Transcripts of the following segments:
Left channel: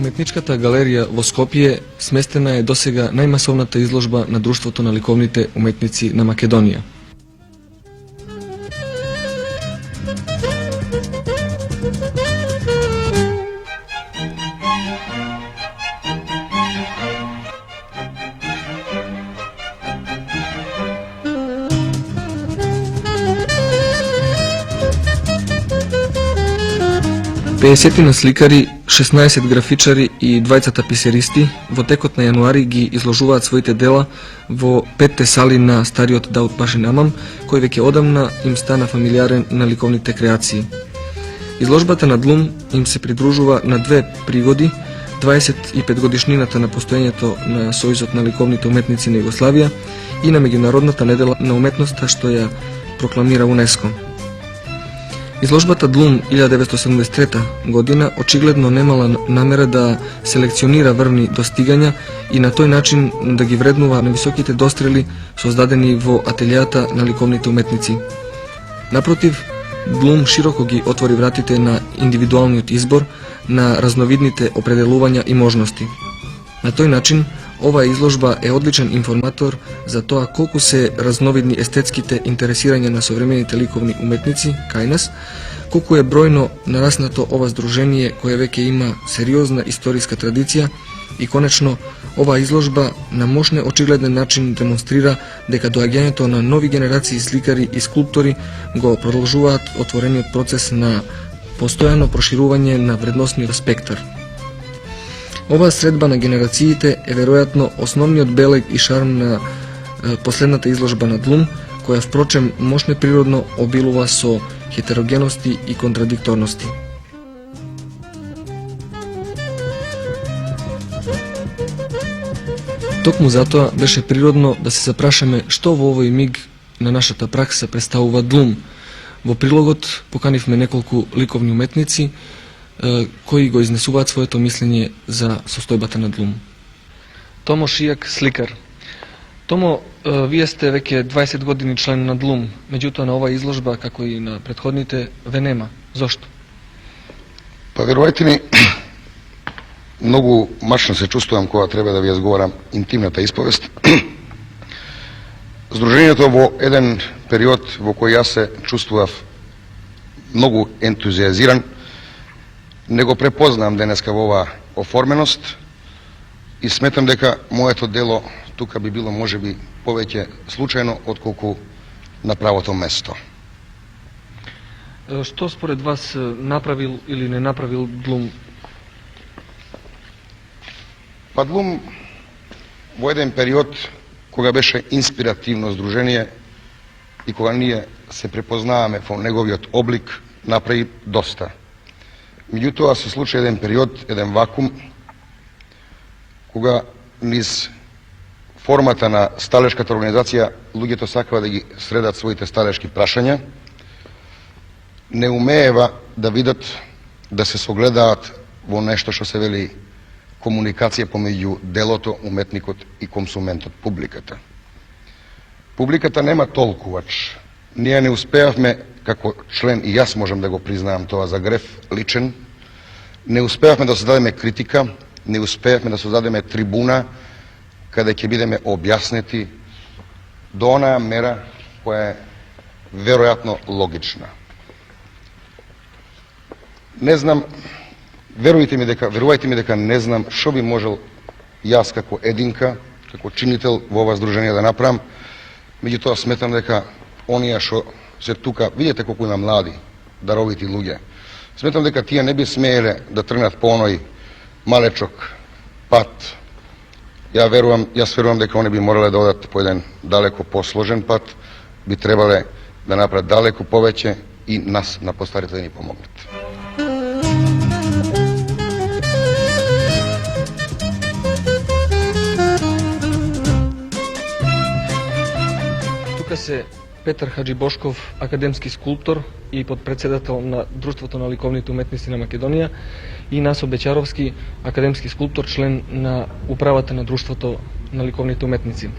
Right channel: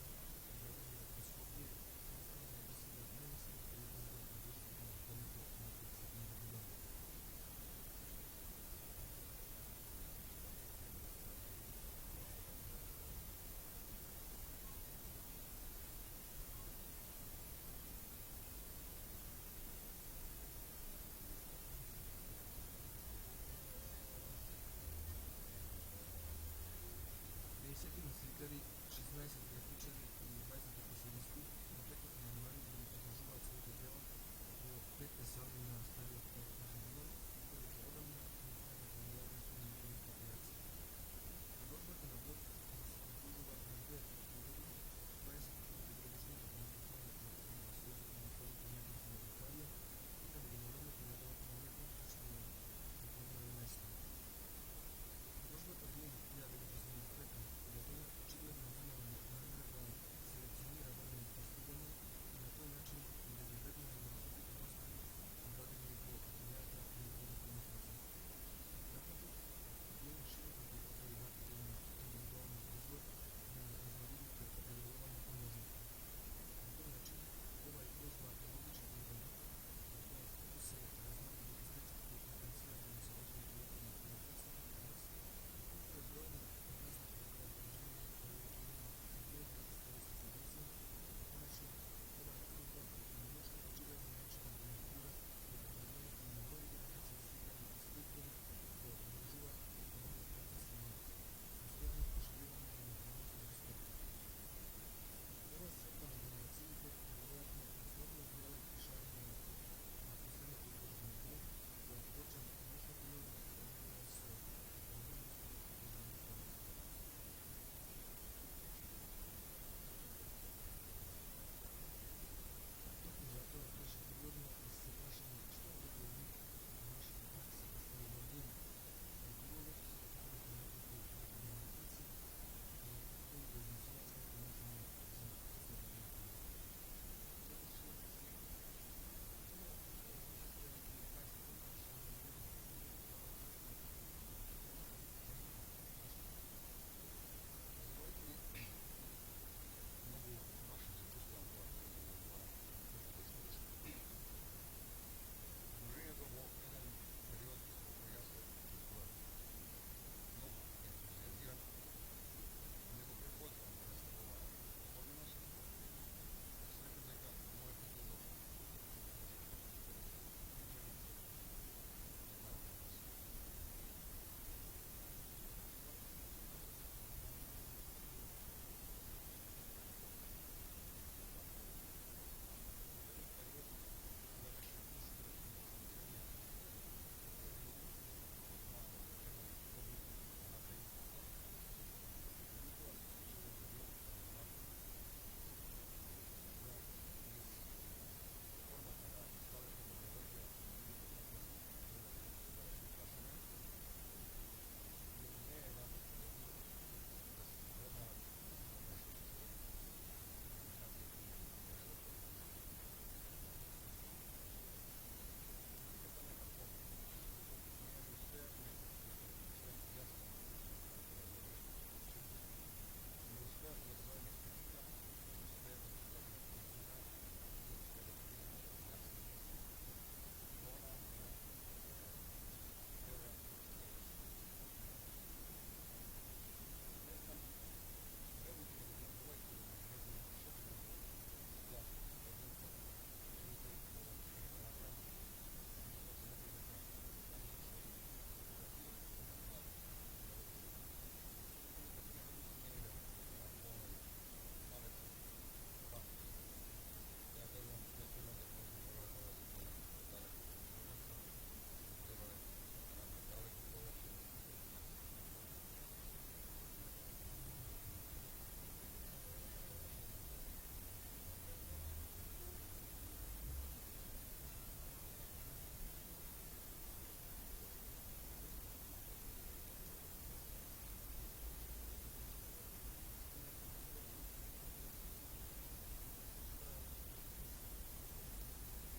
Уметничката галерија во Скопје сместена е досега најмасовната изложба на Друштвото на ликовните уметници на Македонија. Пеесетина сликари, 16 графичари и 20 писеристи во текот на јануари ги изложуваат своите дела во 5 сали на стариот Даут Пашин амам, кој веќе одамна им стана фамилиарен на ликовните креации. Изложбата на Длум им се придружува на две пригоди, 25 годишнината на постоењето на Сојузот на ликовните уметници на Југославија и на Меѓународната недела на уметноста што ја прокламира УНЕСКО. Изложбата Длум 1973 година очигледно немала намера да селекционира врвни достигања и на тој начин да ги вреднува на високите дострели создадени во ателијата на ликовните уметници. Напротив, Длум широко ги отвори вратите на индивидуалниот избор, на разновидните определувања и можности. На тој начин, оваа изложба е одличен информатор за тоа колку се разновидни естетските интересирања на современите ликовни уметници кај нас, колку е бројно нараснато ова здружение кое веќе има сериозна историска традиција и конечно оваа изложба на мощен очигледен начин демонстрира дека доаѓањето на нови генерации сликари и скулптори го продолжуваат отворениот процес на постојано проширување на вредносниот спектар. Оваа средба на генерациите е веројатно основниот белег и шарм на последната изложба на Длум, која впрочем мощно природно обилува со хетерогености и контрадикторности. Токму затоа беше природно да се запрашаме што во овој миг на нашата пракса представува Длум. Во прилогот поканивме неколку ликовни уметници кои го изнесуваат своето мислење за состојбата на Длум. Томо Шијак, сликар. Томо, вие сте веќе 20 години член на Длум, меѓутоа на оваа изложба, како и на претходните, ве нема. Зошто? Па верувајте ми, многу мачно се чувствувам кога треба да ви изговорам интимната исповест. Здруженијето во еден период во кој јас се чувствував многу ентузиазиран, не го препознавам денеска во оваа оформеност и сметам дека моето дело тука би било можеби повеќе случајно отколку на правото место. Што според вас направил или не направил Длум? Па Длум во еден период кога беше инспиративно здружение и кога ние се препознаваме во неговиот облик, направи доста. Меѓутоа се случи еден период, еден вакуум, кога низ формата на сталешката организација луѓето сакава да ги средат своите сталешки прашања, не умеева да видат, да се согледаат во нешто што се вели комуникација помеѓу делото, уметникот и консументот, публиката. Публиката нема толкувач. Ние не успеавме како член и јас можам да го признаам тоа за греф личен, не успеавме да создадеме критика, не успеавме да создадеме трибуна каде ќе бидеме објаснети до онаа мера која е веројатно логична. Не знам, верувајте ми дека не знам што би можел јас како единка, како чинител во ова здружение да направам, меѓутоа сметам дека оние што се тука, видите колку има млади, даровити луѓе, сметам дека тие не би смееле да тргнат по оној малечок пат. Јас верувам дека они би морале да одат по еден далеко посложен пат, би требале да направат далеко повеќе и нас на постарите да ни помогнат. Тука се Петар Хаджибошков, академски скулптор и подпредседател на Друштвото на ликовните уметници на Македонија, и Насо Бечаровски, академски скулптор, член на управата на Друштвото на ликовните уметници.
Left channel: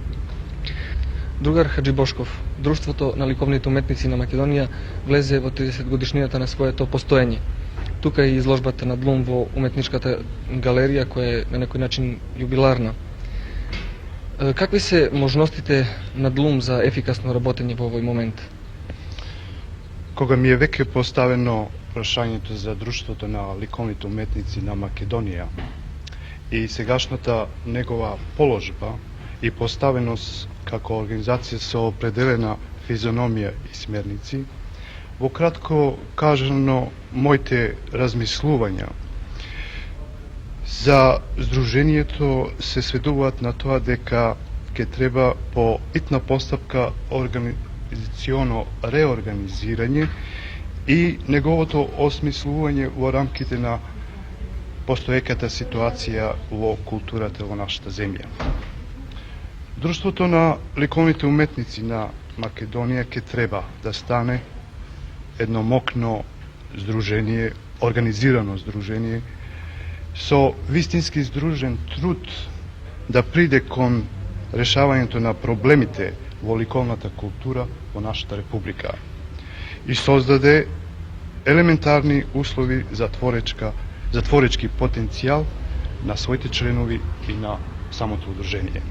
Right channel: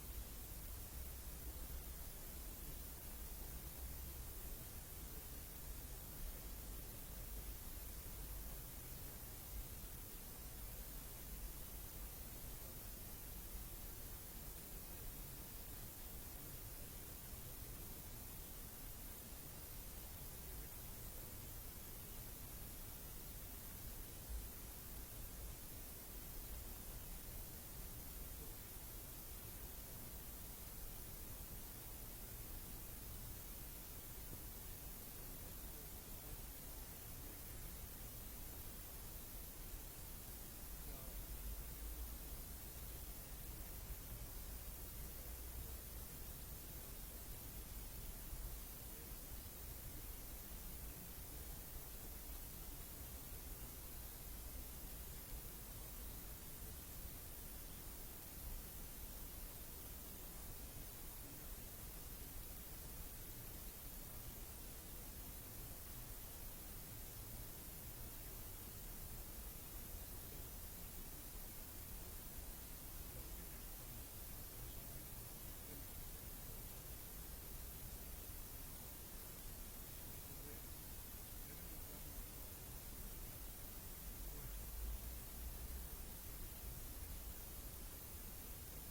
Другар Хаджибошков, Друштвото на ликовните уметници на Македонија влезе во 30 годишнината на своето постоење. Тука е изложбата на Блум во уметничката галерија, која е на некој начин јубиларна. Какви се можностите на Блум за ефикасно работење во овој момент? Кога ми е веќе поставено прашањето за Друштвото на ликовните уметници на Македонија и сегашната негова положба и поставеност како организација со определена физиономија и смерници, во кратко кажано, моите размислувања за здруженијето се сведуваат на тоа дека ќе треба по итна постапка организационо реорганизирање и неговото осмислување во рамките на постоеќата ситуација во културата во нашата земја. Друштвото на ликовните уметници на Македонија ќе треба да стане едно мокно здружение, организирано здружение, со вистински здружен труд да приде кон решавањето на проблемите во ликовната култура во нашата република и создаде елементарни услови за творечки потенцијал на своите членови и на самото удружение.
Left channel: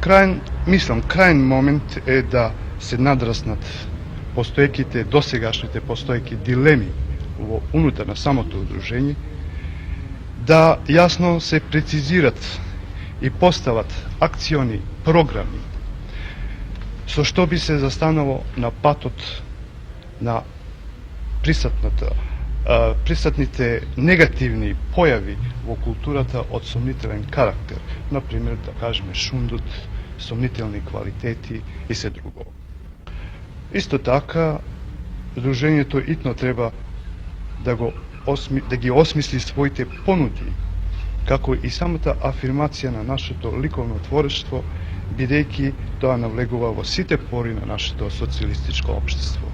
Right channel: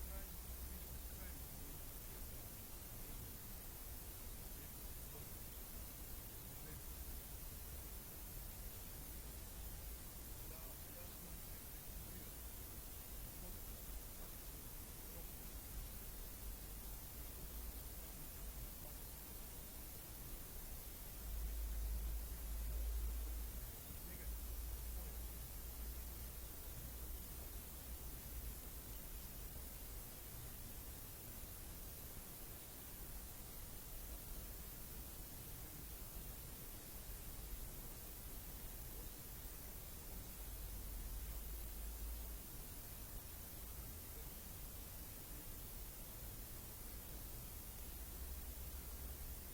Крајен момент е да се надраснат досегашните постоеки дилеми во унутар на самото удружение, да јасно се прецизират и постават акциони програми со што би се застанало на патот на присатните негативни појави во културата од сомнителен карактер, например, да кажеме шундут, сомнителни квалитети и се друго. Исто така, здружението итно треба да ги осмисли своите понуди, како и самата афирмација на нашето ликовно творештво, бидејќи тоа навлегува во сите пори на нашето социјалистичко општество.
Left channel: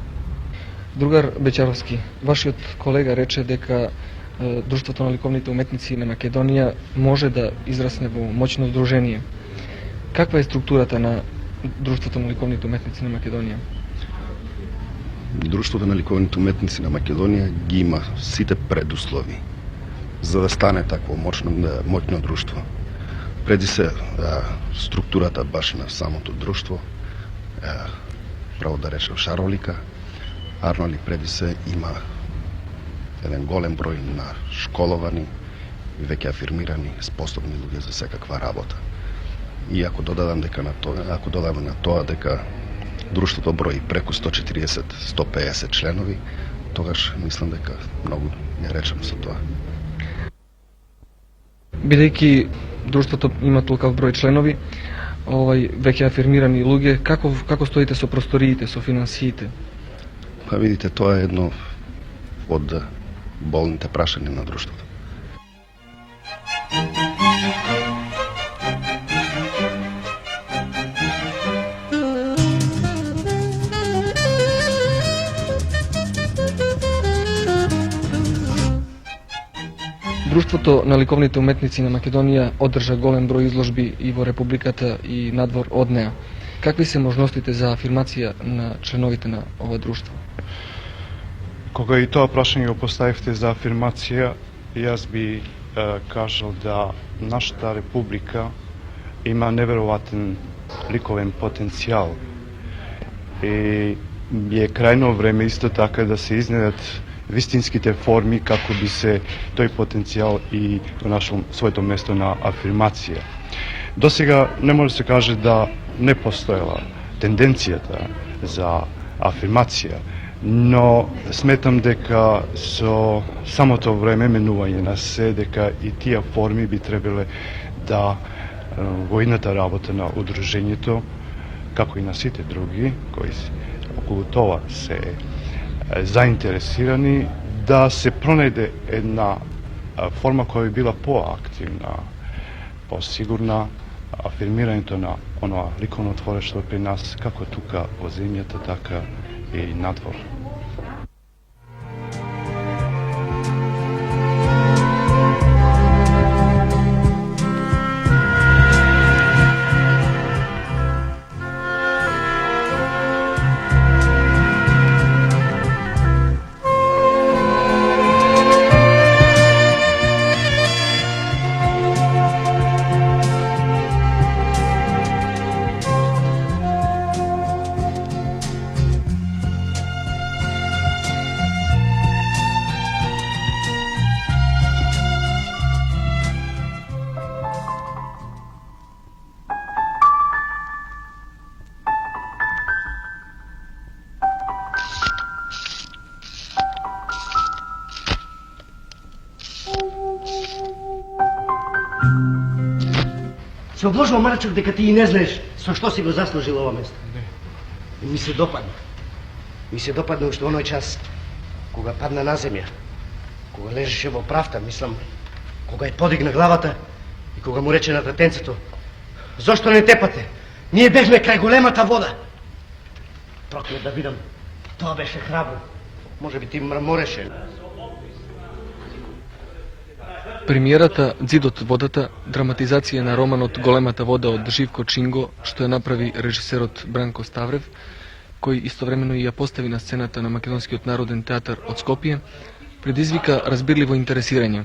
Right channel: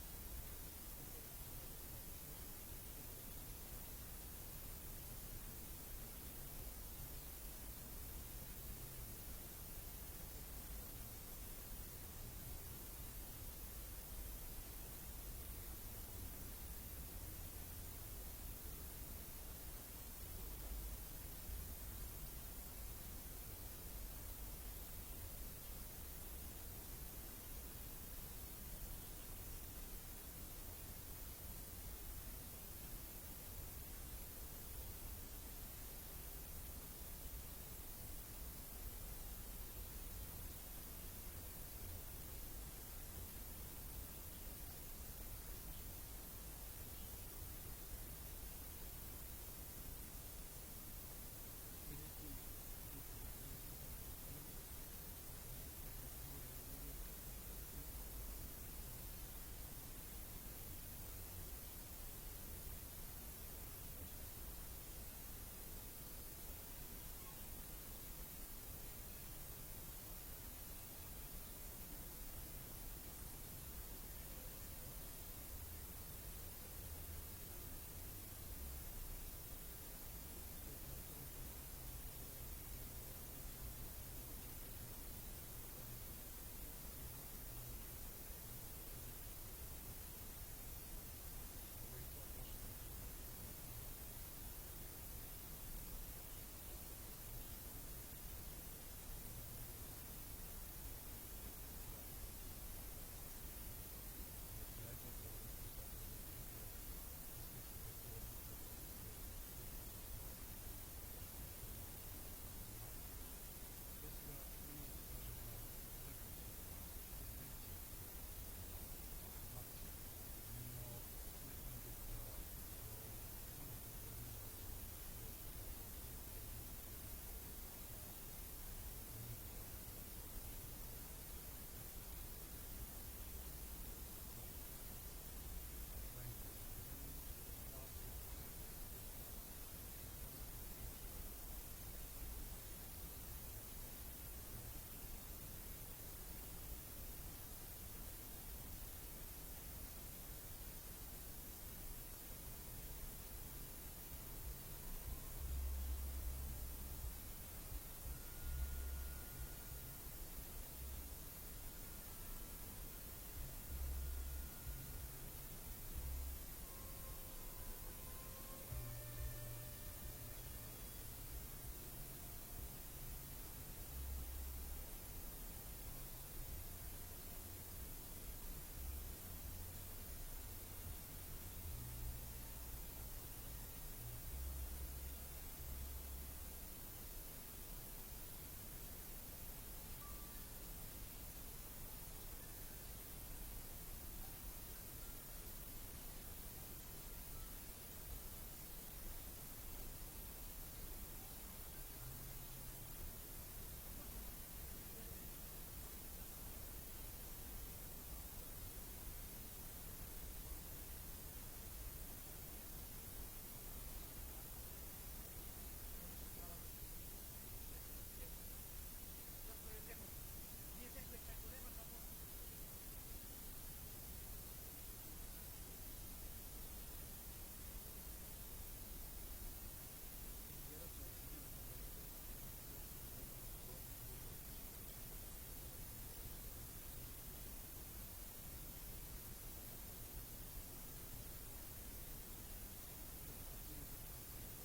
Другар Бечаровски, вашиот колега рече дека Друштвото на ликовните уметници на Македонија може да израсне во моќно здружение. Каква е структурата на Друштвото на ликовните уметници на Македонија? Друштвото на ликовните уметници на Македонија ги има сите предуслови за да стане такво моќно друштво. Преди се структурата баш на самото друштво, право да речем шаролика, Арноли преди се има еден голем број на школовани, веќе афирмирани, способни луѓе за секаква работа. И ако додадам на тоа дека друштвото брои преку 140-150 членови, тогаш мислам дека многу не речем со тоа. Бидејќи друштвото има толков број членови, веќе афирмирани луѓе, како стоите со просториите, со финансиите? Па видите, тоа е едно од болните прашања на друштвото. Друштвото на ликовните уметници на Македонија одржа голем број изложби и во Републиката и надвор од неа. Какви се можностите за афирмација на членовите на ова друштво? Кога и тоа прашање го поставивте за афирмација, јас би кажал да нашата република има невероватен ликовен потенцијал и е крајно време исто така да се изнедат вистинските форми како би се тој потенцијал и го нашол своето место на афирмација. Досега не може да се каже да не постоела тенденцијата за афирмација, но сметам дека со самото време менување на се, дека и тие форми би требале да во идната работа на удружењето, како и на сите други кои околу тоа се заинтересирани, да се пронајде една форма која би била поактивна, посигурна, афирмирањето на оноа ликовно творештво при нас, како тука во земјата, така и надвор. Се обложува Марчук дека ти и не знаеш со што си го заслужил ова место. Не. Ми се допадна. Ми се допадна уште оној час кога падна на земја, кога лежеше во правта, мислам, кога ја подигна главата и кога му рече на татенцето: "Зошто не тепате? Ние бевме крај големата вода." Проклет да видам. Тоа беше храбро. Може би ти мрамореше. Премиерата "Ѕидот водата", драматизација на романот "Големата вода" од Живко Чинго, што ја направи режисерот Бранко Ставрев, кој истовремено и ја постави на сцената на Македонскиот народен театар од Скопје, предизвика разбирливо интересирање.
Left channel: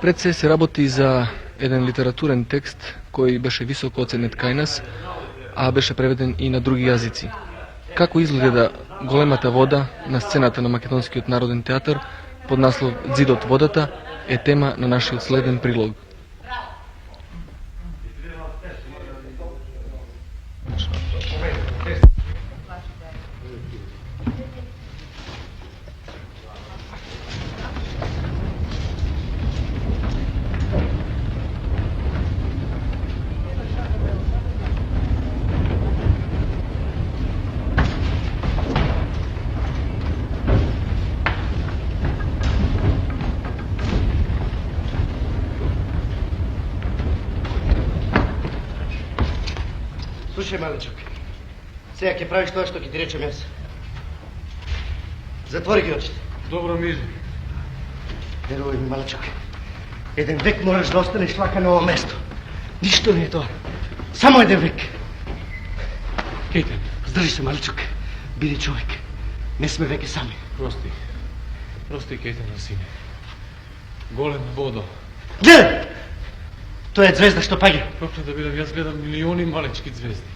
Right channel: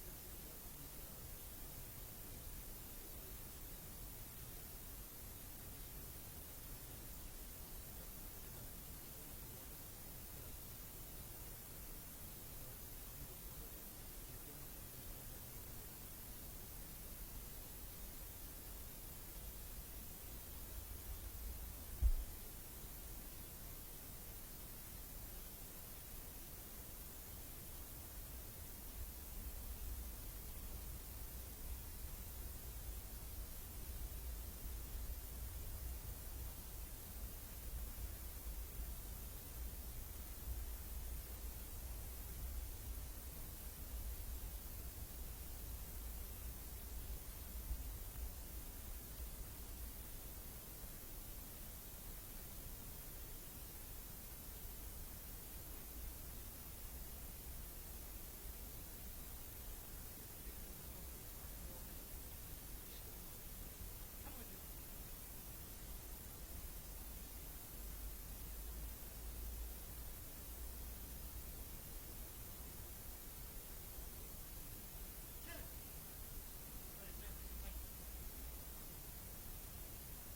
Пред се работи за еден литературен текст кој беше високо оценет кај нас, а беше преведен и на други јазици. Како изгледа "Големата вода" на сцената на Македонскиот народен театар под наслов "Ѕидот водата" е тема на нашиот следен прилог. Слушај, малечок, сега ќе правиш тоа што ќе ти речем јас. Затвори ги очите. Добро, Мири. Верувај ми, малечок, еден век можеш да останеш лака на ова место. Ништо не е тоа. Само еден век. Кейтен. Здржи се, малечок. Биди човек. Не сме веќе сами. Прости. Прости, Кейтен, на сине. Голем водо. Гледај! Тоа е звезда што паѓа. Проклет да бидам, јас гледам милиони малечки звезди.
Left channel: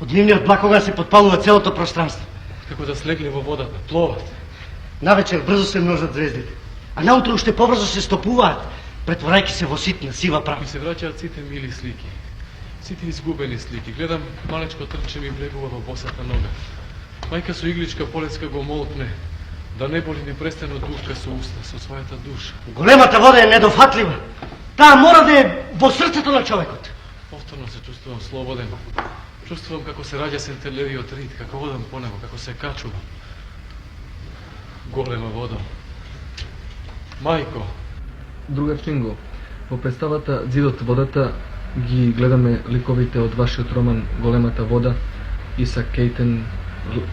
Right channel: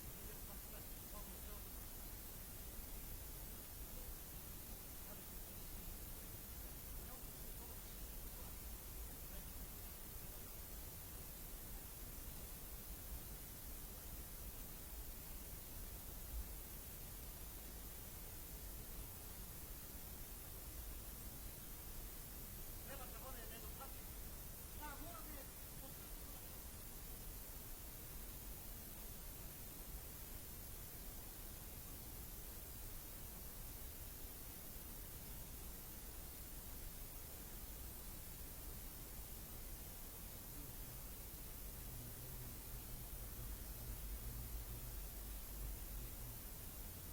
Од нивниот блакога се подпалува целото пространство. Како да слегли во водата, пловат. Навечер брзо се множат звездите, а наутро уште побрзо се стопуваат, претворајќи се во ситна, сива прах. Ми се враќаат сите мили слики. Сите изгубени слики. Гледам малечко трче ми влегува во босата нога. Мајка со игличка полеска го молкне, да не боли ни престано дувка со уста, со својата душа. Големата вода е недофатлива. Таа мора да е во срцето на човекот. Повторно се чувствувам слободен. Чувствувам како се раѓа сентелевиот рит, како одам по него, како се качувам. Голема вода. Мајко. Другар Чинго, во представата "Ѓидот водата" ги гледаме ликовите од вашиот роман "Големата вода", Исак Кейтен,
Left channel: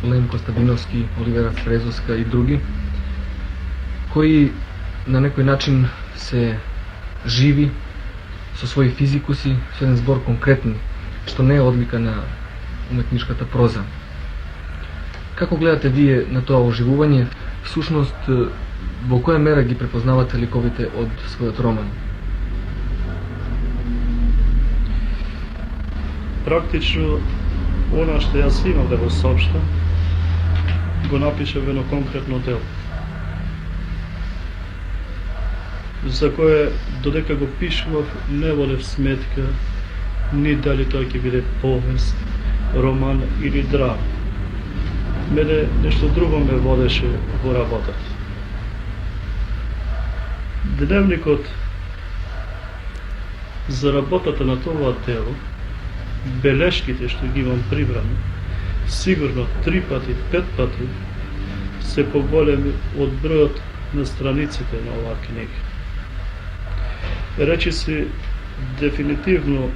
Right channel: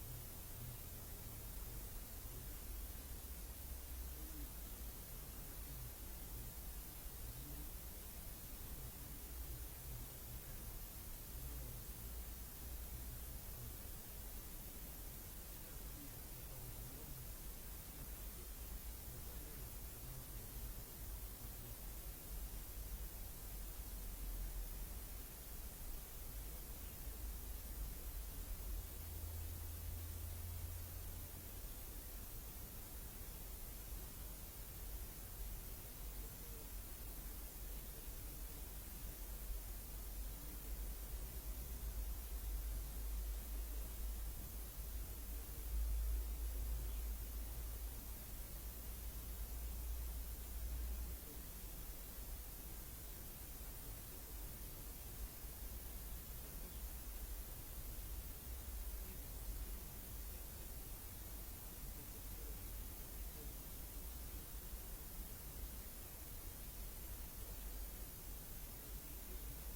Лен Костадиновски, Оливера Фрезовска и други, кои на некој начин се живи со своји физикуси, со еден збор конкретни што не е одлика на уметничката проза. Како гледате вие на тоа оживување? Всушност, во која мера ги препознавате ликовите од својот роман? Практично, она што јас имам да го соопштам, го напишав во едно конкретно дело, за кое додека го пишував не водев сметка ни дали тоа ќе биде повест, роман или драма. Мене нешто друго ме водеше во работата. Дневникот за работата на тоа дело, белешките што ги имам прибрани, сигурно 3 пати, 5 пати се поголеми од бројот на страниците на оваа книга. Речи си, дефинитивно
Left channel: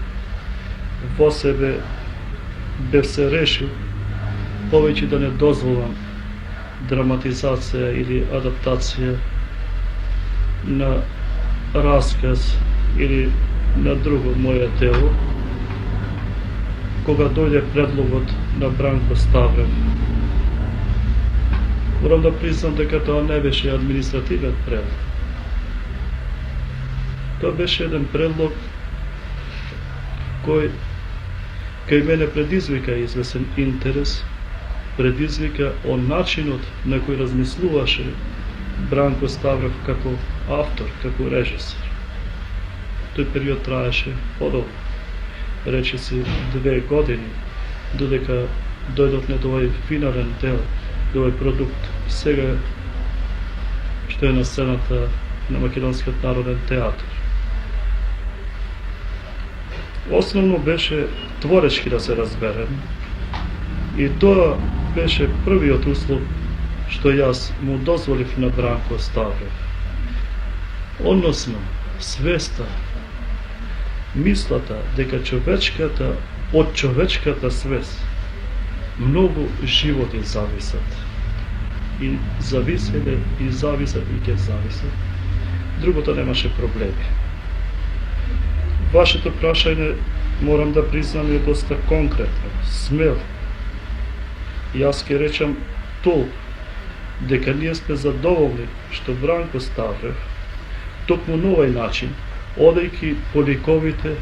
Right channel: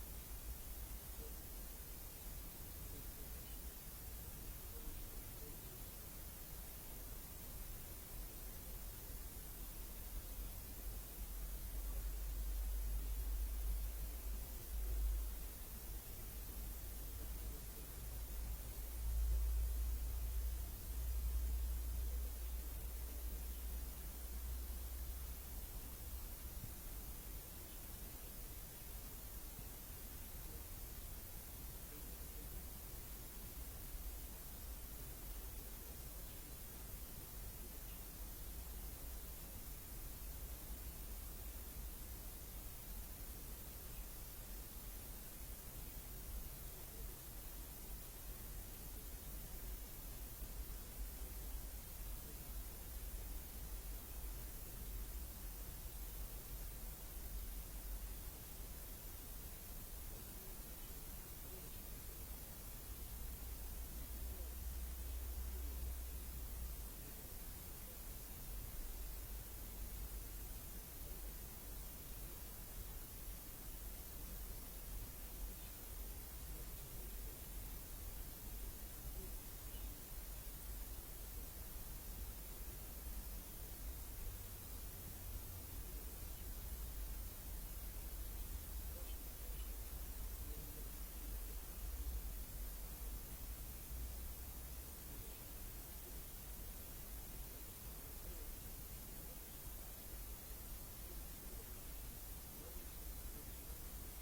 во себе бев се решил повеќе да не дозволам драматизација или адаптација на расказ или на друго моје дело, кога дојде предлогот на Бранко Ставрев. Морам да признам дека тоа не беше административен предлог. Тоа беше еден предлог кој кај мене предизвика известен интерес, предизвика од начинот на кој размислуваше Бранко Ставрев како автор, како режисер. Тој период траеше подолго, речиси 2 години, додека дојдовме до овој финален дел, до овој продукт, сега што е на сцената на Македонскиот народен театар. Основно беше творечки да се разберем, и тоа беше првиот услов што јас му дозволив на Бранко Ставрев. Односно, свеста, мислата дека човечката, од човечката свест многу животи зависат. И зависеле, и зависат, и ќе зависат. Другото немаше проблеми. Вашето прашање, морам да признам, е доста конкретно, смело. Јас ќе речам толку, дека ние сме задоволни што Бранко Ставрев, токму на овој начин, одејќи по ликовите,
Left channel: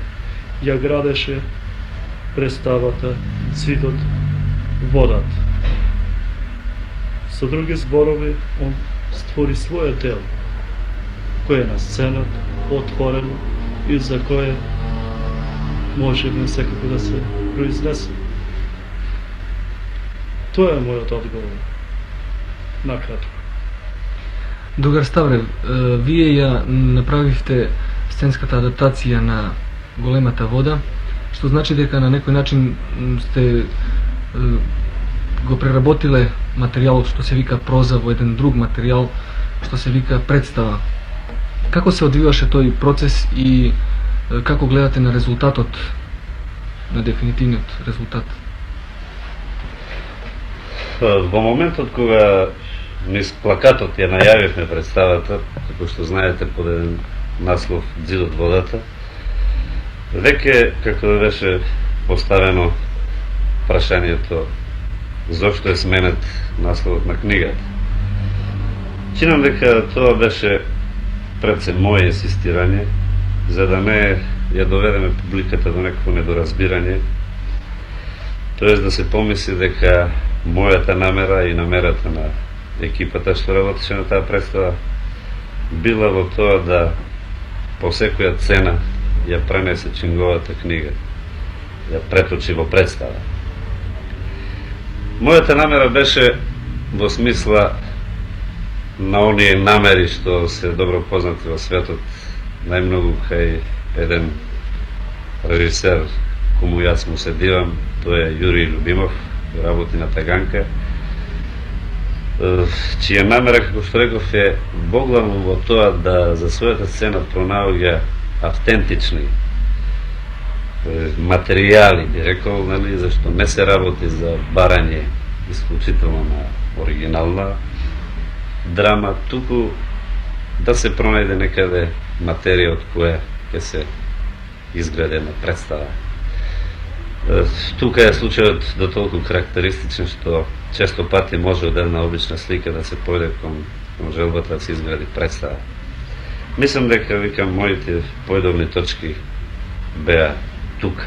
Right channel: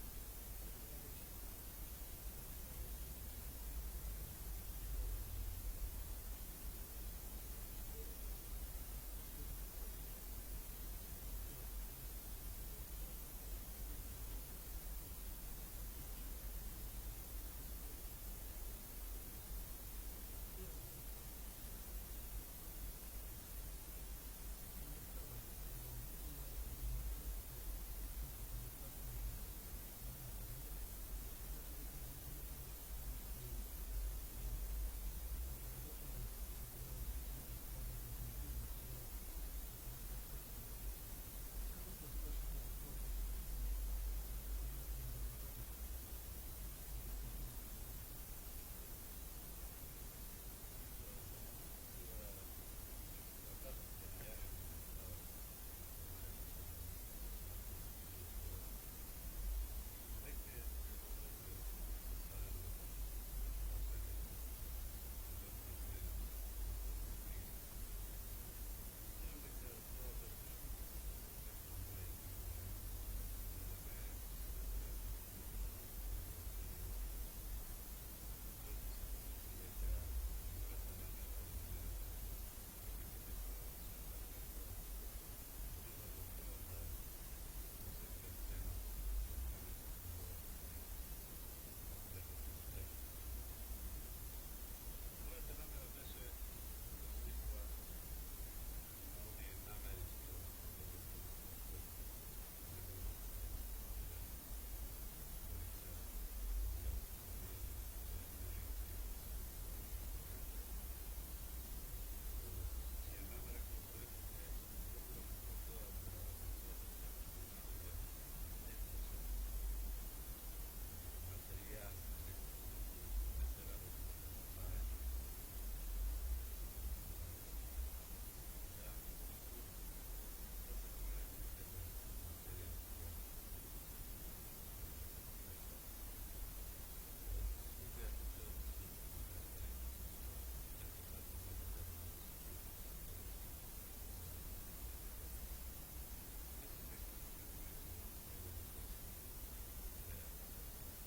ја градеше представата Цидот водат. Со други зборови, он створи своје дело, кое е на сцената, отворено и за кое можеме секако да се произнесеме. Тоа е мојот одговор. Накратко. Другар Ставрев, вие ја направивте сценската адаптација на Големата вода, што значи дека на некој начин сте го преработиле материјалот што се вика проза во еден друг материјал што се вика представа. Како се одвиваше тој процес и како гледате на резултатот, на дефинитивниот резултат? Во моментот кога низ плакатот ја најавивме представата, како што знаете под еден наслов Дзидот водата, веќе како беше поставено прашањето зошто е сменет насловот на книгата. Чинам дека тоа беше пред се моје инсистирање, за да не ја доведеме публиката до некакво недоразбирање, тоест да се помисли дека мојата намера и намерата на екипата што работеше на таа представа била во тоа да по секоја цена ја пренесе Чинговата книга, ја преточи во представа. Мојата намера беше во смисла на оние намери што се добро познати во светот, најмногу кај еден режисер кому јас му се дивам, тој е Јури Любимов, работи на Таганка, чија намера, како што реков, е боглавно во тоа да за својата сцена пронаоѓа автентични материјали, би рекол, нали, зашто не се работи за барање исклучително на оригинална драма, туку да се пронајде некаде материја од која ќе се изгради една представа. Тука е случајот до толку карактеристичен што често пати може од една обична слика да се појде кон желбата да се изгради представа. Мислам дека, викам, моите појдовни точки беа тука.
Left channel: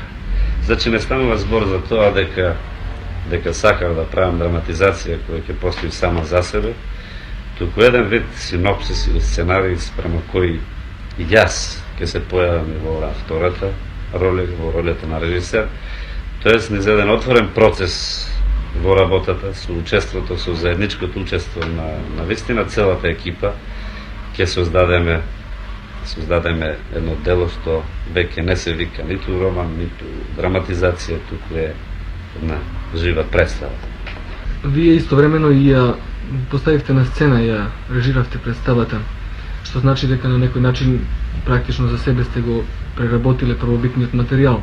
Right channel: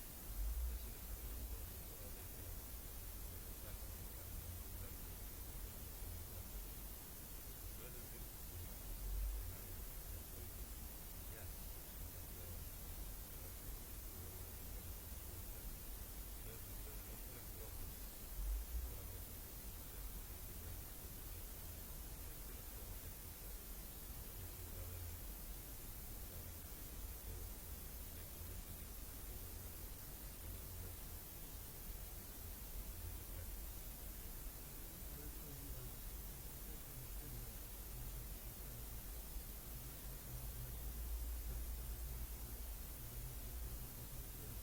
Значи не станува збор за тоа дека сакав да правам драматизација која ќе постои сама за себе, туку еден вид синопсис или сценарий спрема кој и јас ќе се појавам и во втората роля, во ролята на режисер, тоест низ еден отворен процес во работата, со учеството, со заедничкото учество на вистина целата екипа, ќе создадеме едно дело што веќе не се вика ниту роман, ниту драматизација, туку е една жива представа. Вие истовремено и ја поставивте на сцена, ја режиравте представата, што значи дека на некој начин практично за себе сте го преработиле првобитниот материјал.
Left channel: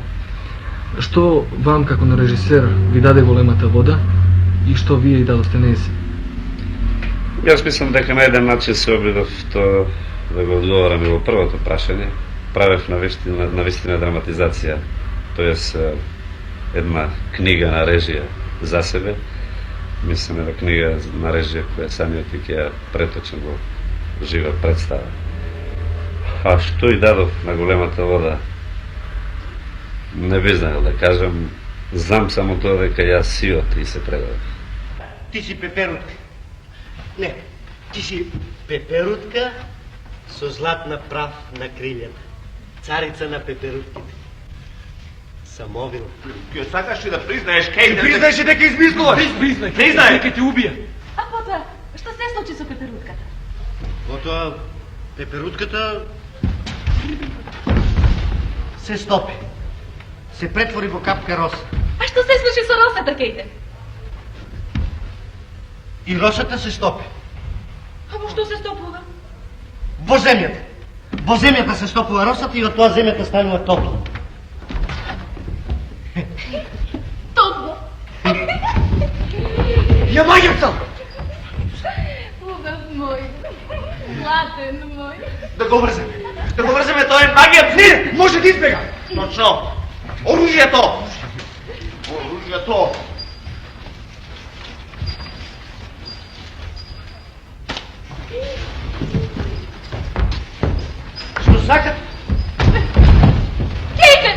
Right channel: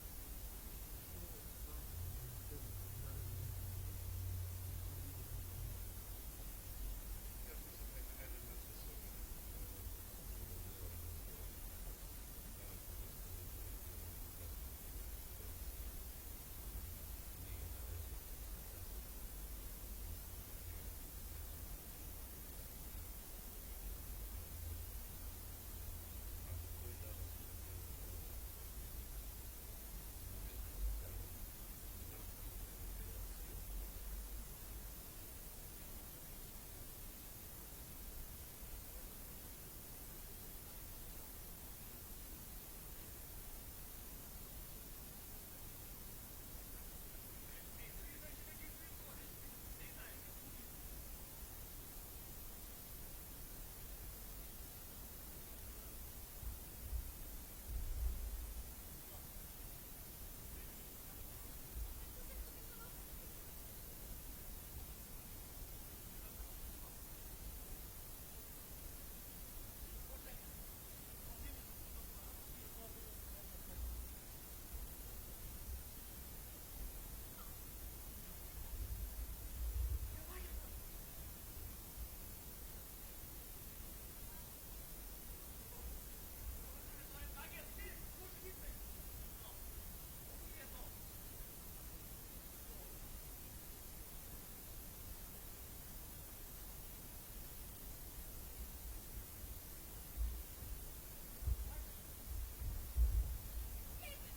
Што вам како на режисер ви даде големата вода и што вие и дадовте нејзе? Јас мислам дека на еден начин се обидов тоа да го одговорам и во првото прашање. Правев на вистина драматизација, тоест една книга на режија за себе. Мислам една книга на режија која самиот ќе ја преточам во жива представа. А што и дадов на големата вода, не би знаел да кажам. Знам само тоа дека јас сиот и се предадов. Ти си пеперутка. Не, ти си пеперутка со златна прав на крилјата. Царица на пеперутките. Самовил. Ќе сакаш ли да признаеш кај да... Признаеш дека измислуваш? Признай, ќе те убија. А потоа, што се случи со пеперутката? Потоа, пеперутката се стопи. Се претвори во капка роса. А што се случи со росата, кејте? И росата се стопи. А во што се стопува? Во земјата. Во земјата се стопува росата и од тоа земјата станува топло. Топло. Ја мајаца! Убав мој. Златен мој. Да го врземе. Да го врземе, тоа е магија. Не, може да избега. Точно. Оружјето. Оружјето. Што сакат? Кејте!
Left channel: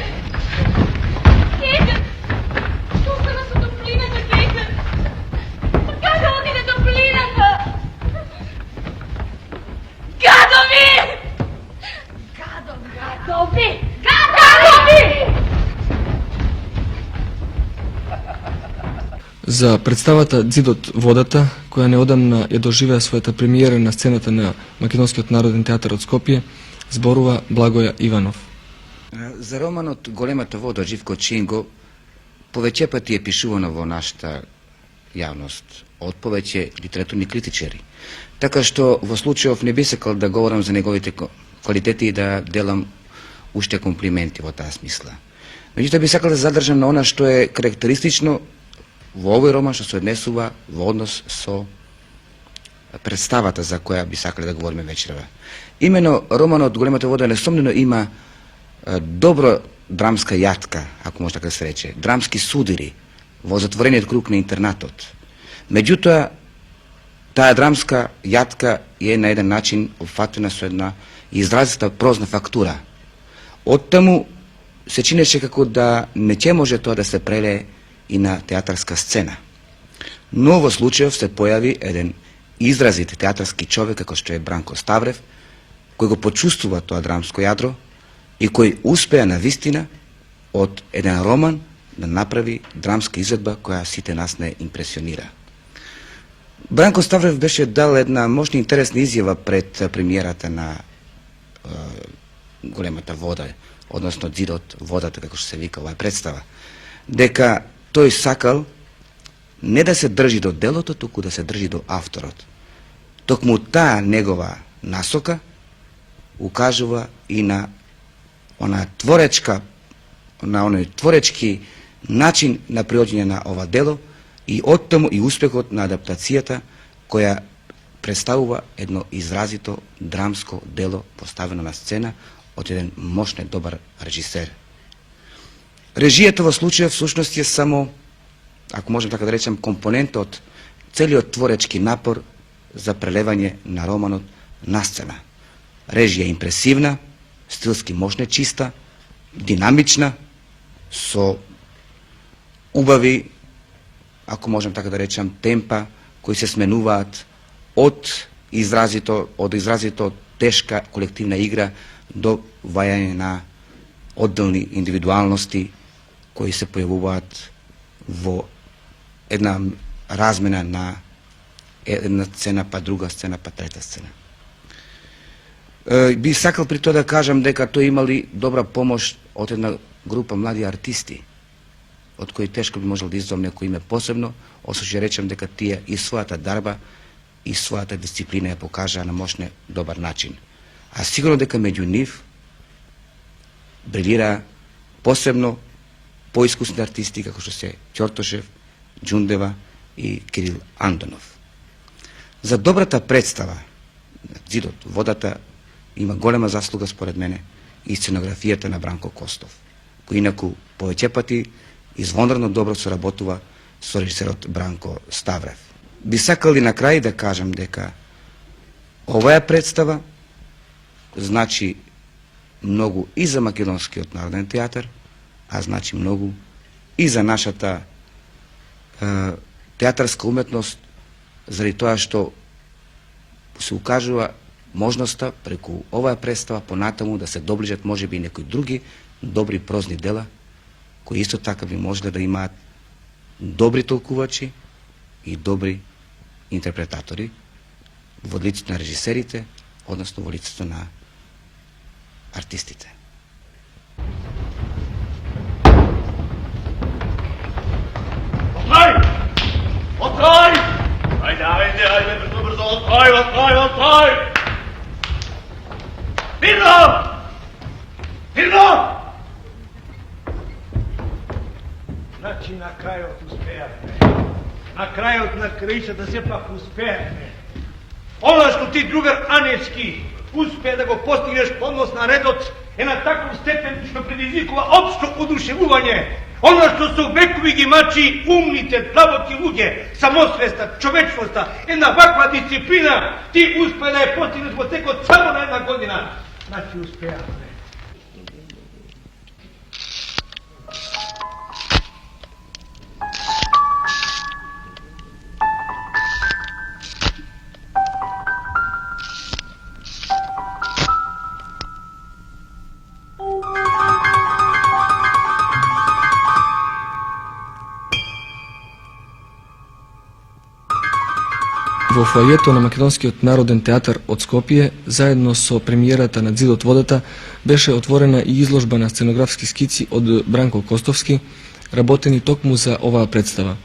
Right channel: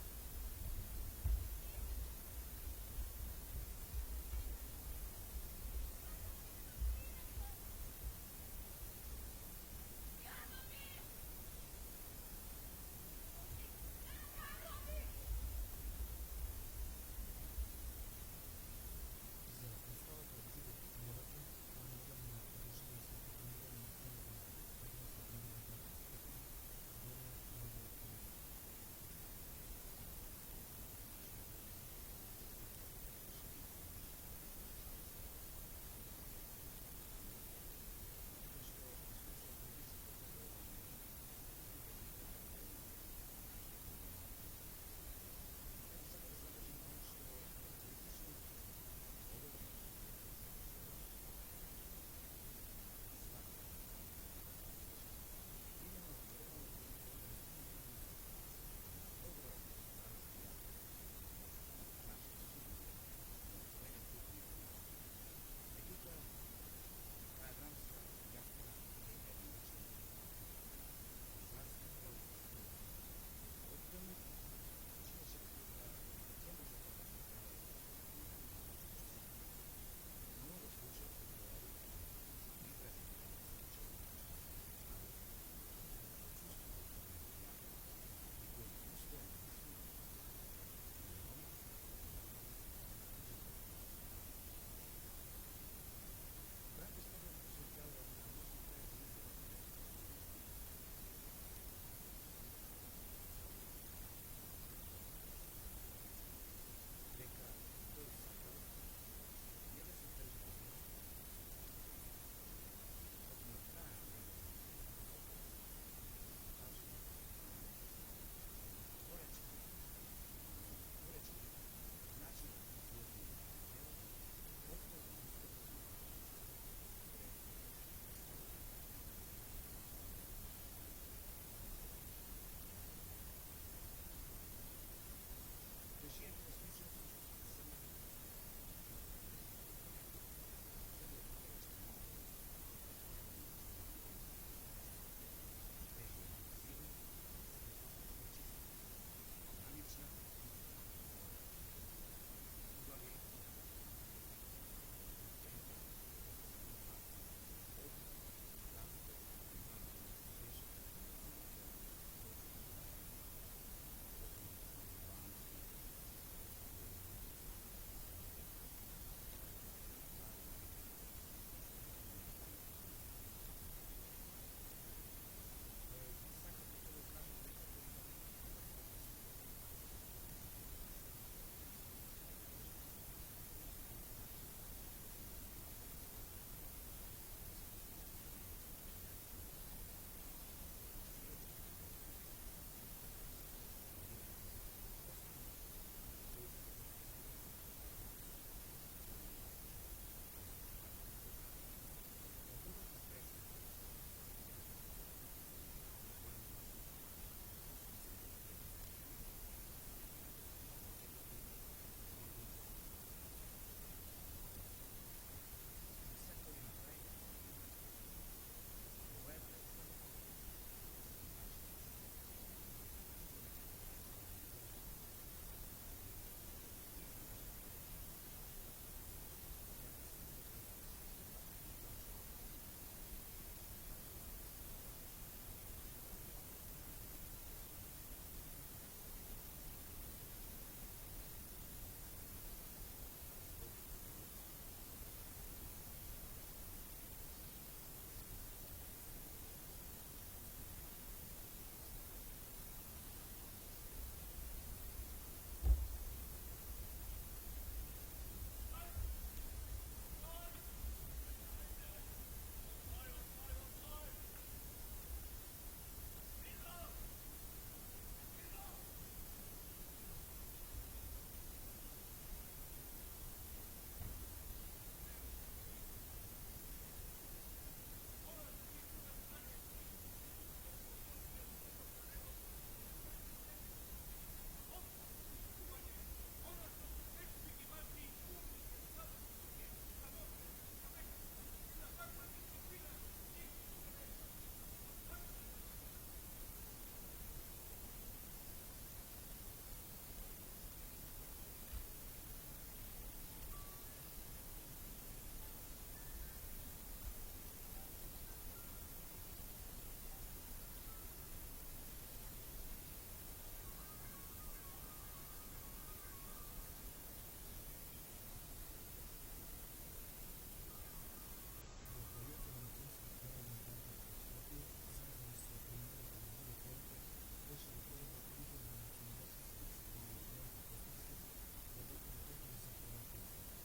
Кејте! Што стана со топлината, кејте? Каде отиде топлината? Гадови! Гадови! Гадови! За представата Дзидот водата, која неодамна ја доживеа својата премиера на сцената на Македонскиот народен театар од Скопје, зборува Благоја Иванов. За романот Големата вода од Живко Чинго повеќе пати е пишувано во нашата јавност од повеќе литературни критичари. Така што во случајов не би сакал да говорам за неговите квалитети и да делам уште комплименти во таа смисла. Меѓутоа би сакал да задржам на она што е карактеристично во овој роман што се однесува во однос со представата за која би сакале да говориме вечерва. Имено романот Големата вода несомнено има добро драмска јатка, ако може така да се рече, драмски судири во затворениот круг на интернатот. Меѓутоа, таа драмска јатка е на еден начин опфатена со една изразита прозна фактура. Оттаму се чинеше како да не ќе може тоа да се прелее и на театарска сцена. Но во случајов се појави еден изразит театарски човек како што е Бранко Ставрев, кој го почувствува тоа драмско јадро и кој успеа на вистина од еден роман да направи драмска изvedба која сите нас не импресионира. Бранко Ставрев беше дал една мощна интересна изјава пред премиерата на Големата вода, односно Дзидот водата, како што се вика оваа представа, дека тој сакал не да се држи до делото, туку да се држи до авторот. Токму таа негова насока укажува и на оној творечки начин на приоѓање на ова дело и оттаму и успехот на адаптацијата која представува едно изразито драмско дело поставено на сцена од еден мощен добар режисер. Режијата во случајот всушност е само, ако можем така да речем, компонент од целиот творечки напор за прелевање на романот на сцена. Режија импресивна, стилски мощна, чиста, динамична, со убави, ако можем така да речем, темпа кои се сменуваат од изразито тешка колективна игра до вајање на одделни индивидуалности кои се појавуваат во една размена на една сцена па друга сцена па трета сцена. Би сакал при тоа да кажам дека тој имали добра помош од една група млади артисти, од кои тешко би можел да издвоам некој име посебно, освен што речем дека тие и својата дарба и својата дисциплина ја покажаа на мощне добар начин. А сигурно дека меѓу нив брилира посебно поискусни артисти како што се Ќортошев, Ѓундева и Кирил Андонов. За добрата представа Зидот водата има голема заслуга според мене и сценографијата на Бранко Костов, кој инаку повеќе пати извонредно добро соработува со режисерот Бранко Ставрев. Би сакал и на крај да кажам дека оваа представа значи многу и за Македонскиот народен театар, а значи многу и за нашата театарска уметност, заради тоа што се укажува можноста преку оваа представа понатаму да се доближат можеби и некои други добри прозни дела, кои исто така би можеле да имаат добри толкувачи и добри интерпретатори во лицето на режисерите, односно во лицето на артистите. Отвори! Ајде, брзо, отвори! Мирно! Значи на крајот успеавме. На крајот на краишата сепак успеавме. Она што ти, другар Анечки, успеа да го постигнеш поднос на редот е на таков степен што предизвикува општо одушевување. Она што со векови ги мачи умните, длабоки луѓе, самосвеста, човечноста, една ваква дисциплина, ти успеа да ја постигнеш во текот само на една година. Значи успеавме. Во фоајето на Македонскиот народен театар од Скопје, заедно со премиерата на Зидот водата, беше отворена и изложба на сценографски скици од Бранко Костовски, работени токму за оваа представа.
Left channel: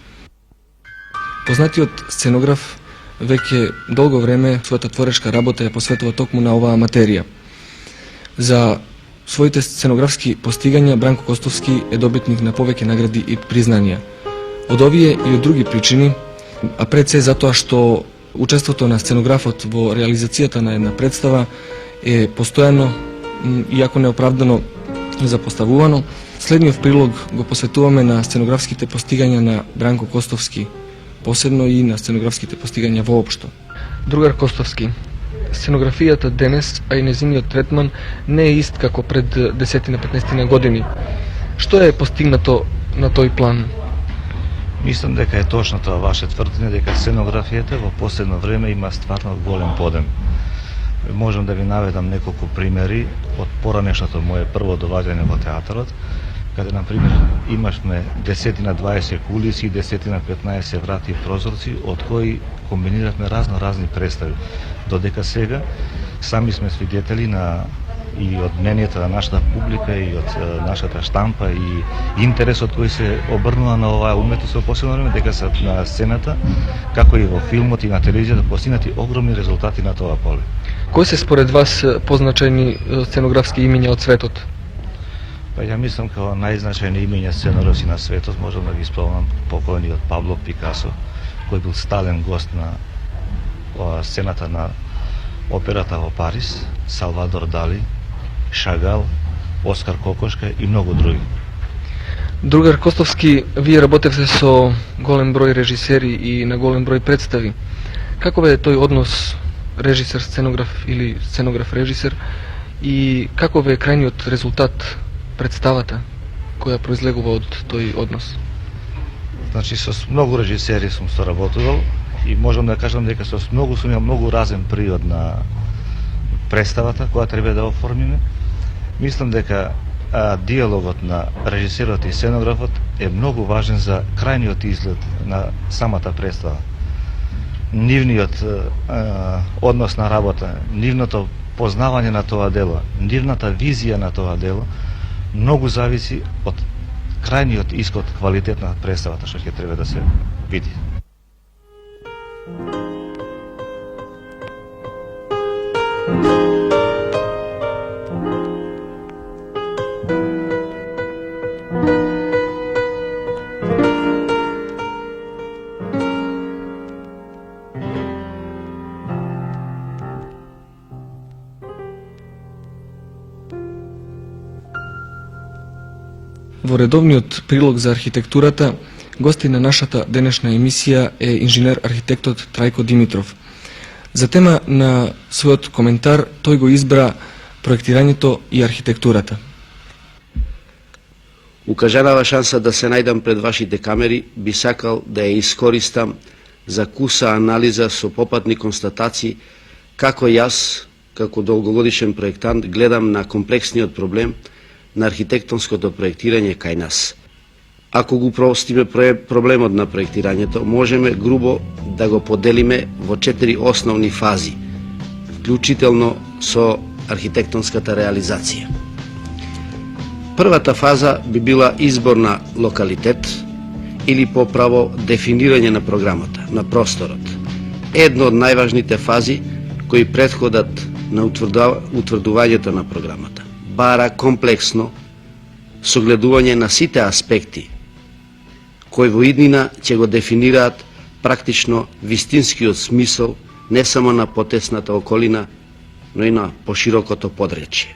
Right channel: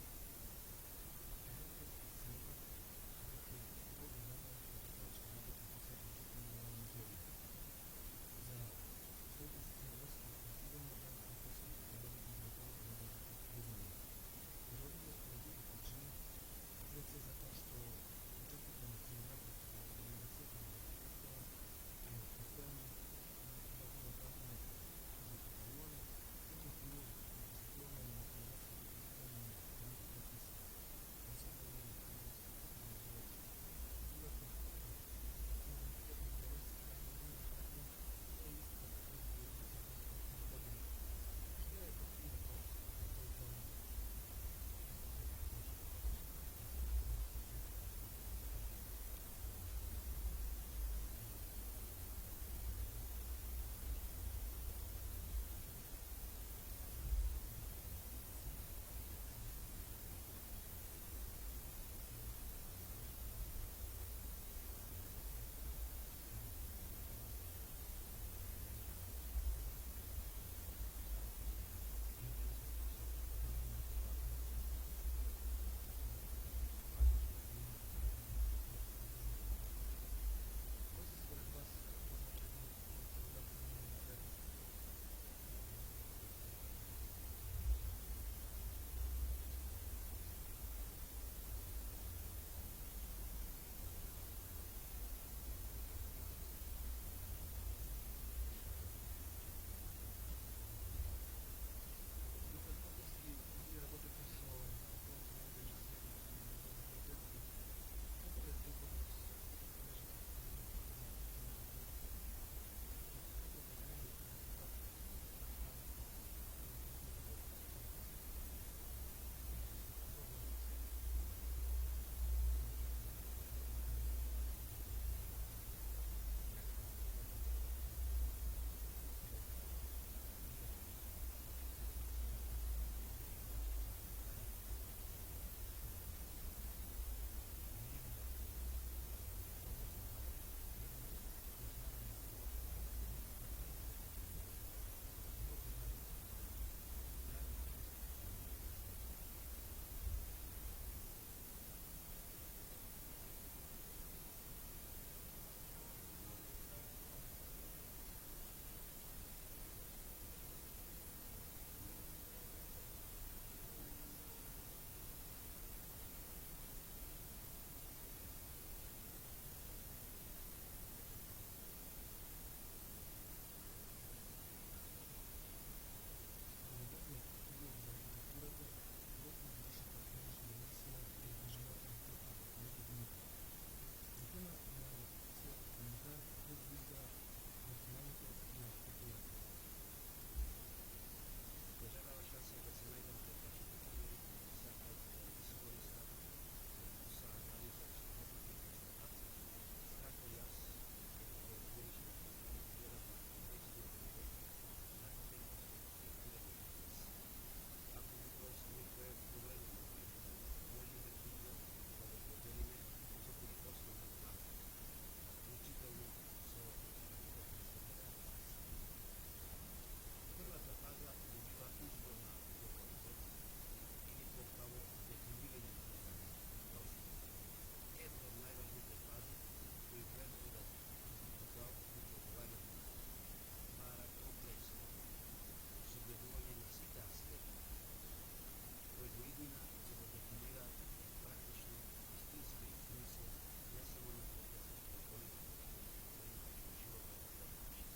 Познатиот сценограф веќе долго време својата творешка работа ја посветува токму на оваа материја. За своите сценографски постигања Бранко Костовски е добитник на повеќе награди и признанија. Од овие и од други причини, а пред се затоа што учеството на сценографот во реализацијата на една представа е постојано, иако неоправдано запоставувано, следниот прилог го посветуваме на сценографските постигања на Бранко Костовски, посебно и на сценографските постигања воопшто. Другар Костовски, сценографијата денес, а и незиниот третман не е ист како пред 10-15 години. Што е постигнато на тој план? Мислам дека е точно тоа ваше тврдење дека сценографијата во последно време има стварно голем подем. Можам да ви наведам неколку примери од поранешното мое прво доваѓање во театарот, каде на пример имашме 10-20 кулиси и 10-15 врати и прозорци, од кои комбиниравме разни представи. Додека сега сами сме свидетели на и од мненијата на нашата публика и од нашата штампа и интересот кој се обрнува на оваа уметност во последно време, дека се на сцената, како и во филмот и на телевизијата, постигнати огромни резултати на тоа поле. Кои се според вас позначајни сценографски имиња од светот? Па ја мислам како најзначајни имиња сценографски на светот, можам да ги спомнам покојниот Пабло Пикасо, кој бил стален гост на сцената на операта во Париз, Салвадор Дали, Шагал, Оскар Кокошка и многу други. Другар Костовски, вие работевте со голем број режисери и на голем број представи. Каков е тој однос режисер-сценограф или сценограф-режисер и каков е крајниот резултат, представата која произлегува од тој однос? Значи, со многу режисери сум соработувал и можам да кажам дека со многу сум имал многу разен приод на представата која треба да оформиме. Мислам дека диалогот на режисерот и сценографот е многу важен за крајниот изглед на самата представа. Нивниот однос на работа, нивното познавање на тоа дело, нивната визија на тоа дело, многу зависи од крајниот исход, квалитет на представата што ќе треба да се види. Во редовниот прилог за архитектурата, гости на нашата денешна емисија е инженер-архитектот Трајко Димитров. За тема на својот коментар тој го избра проектирањето и архитектурата. Укажанава шанса да се најдам пред вашите камери, би сакал да ја искористам за куса анализа со попатни констатации како јас, како долгогодишен проектант, гледам на комплексниот проблем на архитектонското проектирање кај нас. Ако го простиме проблемот на проектирањето, можеме грубо да го поделиме во 4 основни фази, вклучително со архитектонската реализација. Првата фаза би била избор на локалитет или поправо дефинирање на програмата, на просторот. Едно од најважните фази кои претходат на утврдувањето на програмата. Бара комплексно согледување на сите аспекти кои во иднина ќе го дефинираат практично вистинскиот смисол не само на потесната околина, но и на поширокото подречје.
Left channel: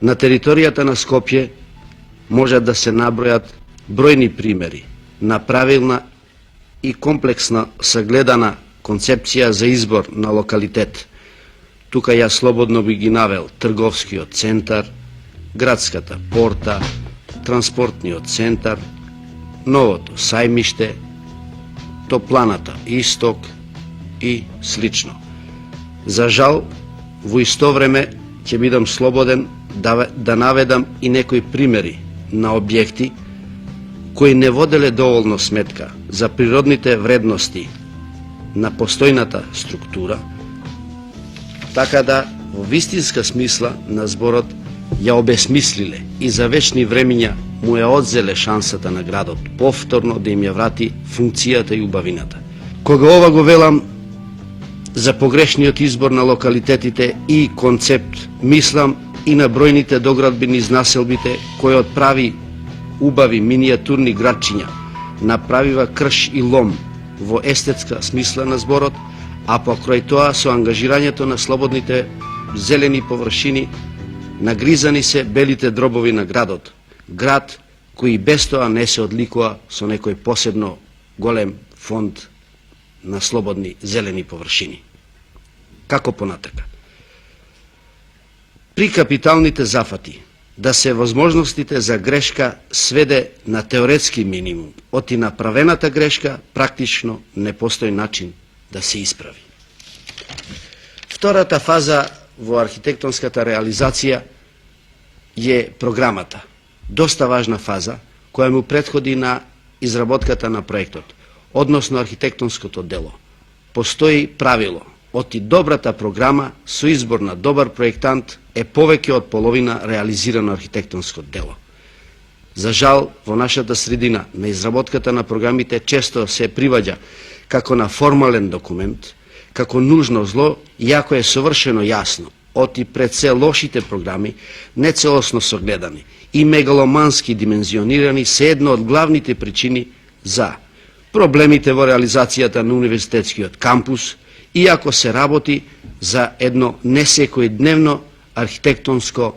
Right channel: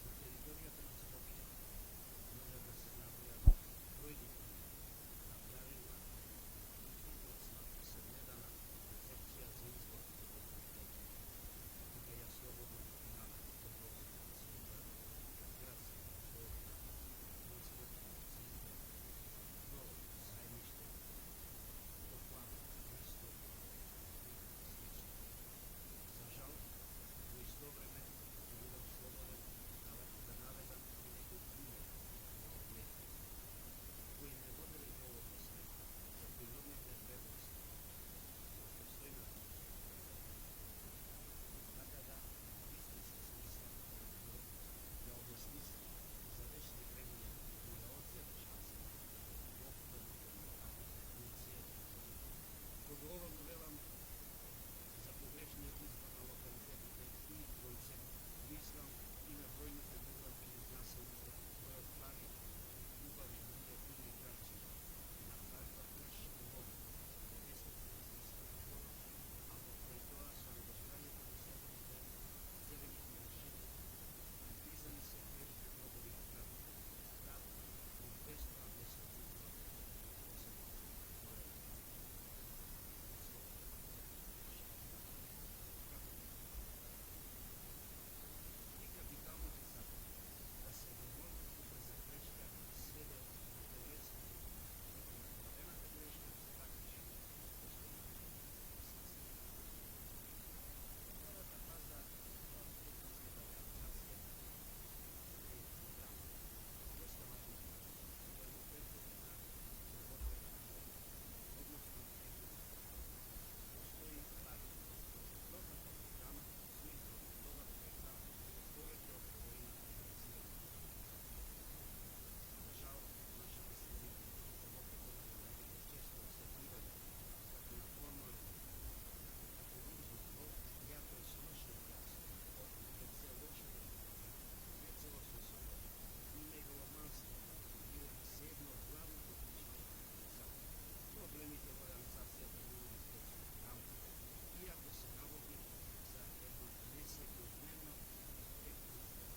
На територијата на Скопје можат да се набројат бројни примери на правилна и комплексна сагледана концепција за избор на локалитет. Тука ја слободно би ги навел трговскиот центар, градската порта, транспортниот центар, новото сајмиште, топланата Исток и слично. За жал, во исто време ќе бидам слободен да наведам и некои примери на објекти кои не воделе доволно сметка за природните вредности на постојната структура, така да во вистинска смисла на зборот ја обесмислиле и за вечни времиња му ја одзеле шансата на градот повторно да им ја врати функцијата и убавината. Кога ова го велам за погрешниот избор на локалитетите и концепт, мислам и на бројните доградбини из населбите кои отправи убави минијатурни градчиња, направива крш и лом во естетска смисла на зборот, а покрај тоа со ангажирањето на слободните зелени површини нагризани се белите дробови на градот. Град кој без тоа не се одликува со некој посебно голем фонд на слободни зелени површини. Како понатака? При капиталните зафати да се возможностите за грешка сведе на теоретски минимум, оти направената грешка практично не постои начин да се исправи. Втората фаза во архитектонската реализација е програмата. Доста важна фаза која му претходи на изработката на проектот, односно архитектонското дело. Постои правило, оти добрата програма со избор на добар проектант е повеќе од половина реализирано архитектонско дело. За жал, во нашата средина на изработката на програмите често се приваѓа како на формален документ, како нужно зло, иако е совршено јасно, оти пред се лошите програми, нецелосно согледани и мегаломански димензионирани се една од главните причини за проблемите во реализацијата на универзитетскиот кампус, иако се работи за едно несекојдневно архитектонско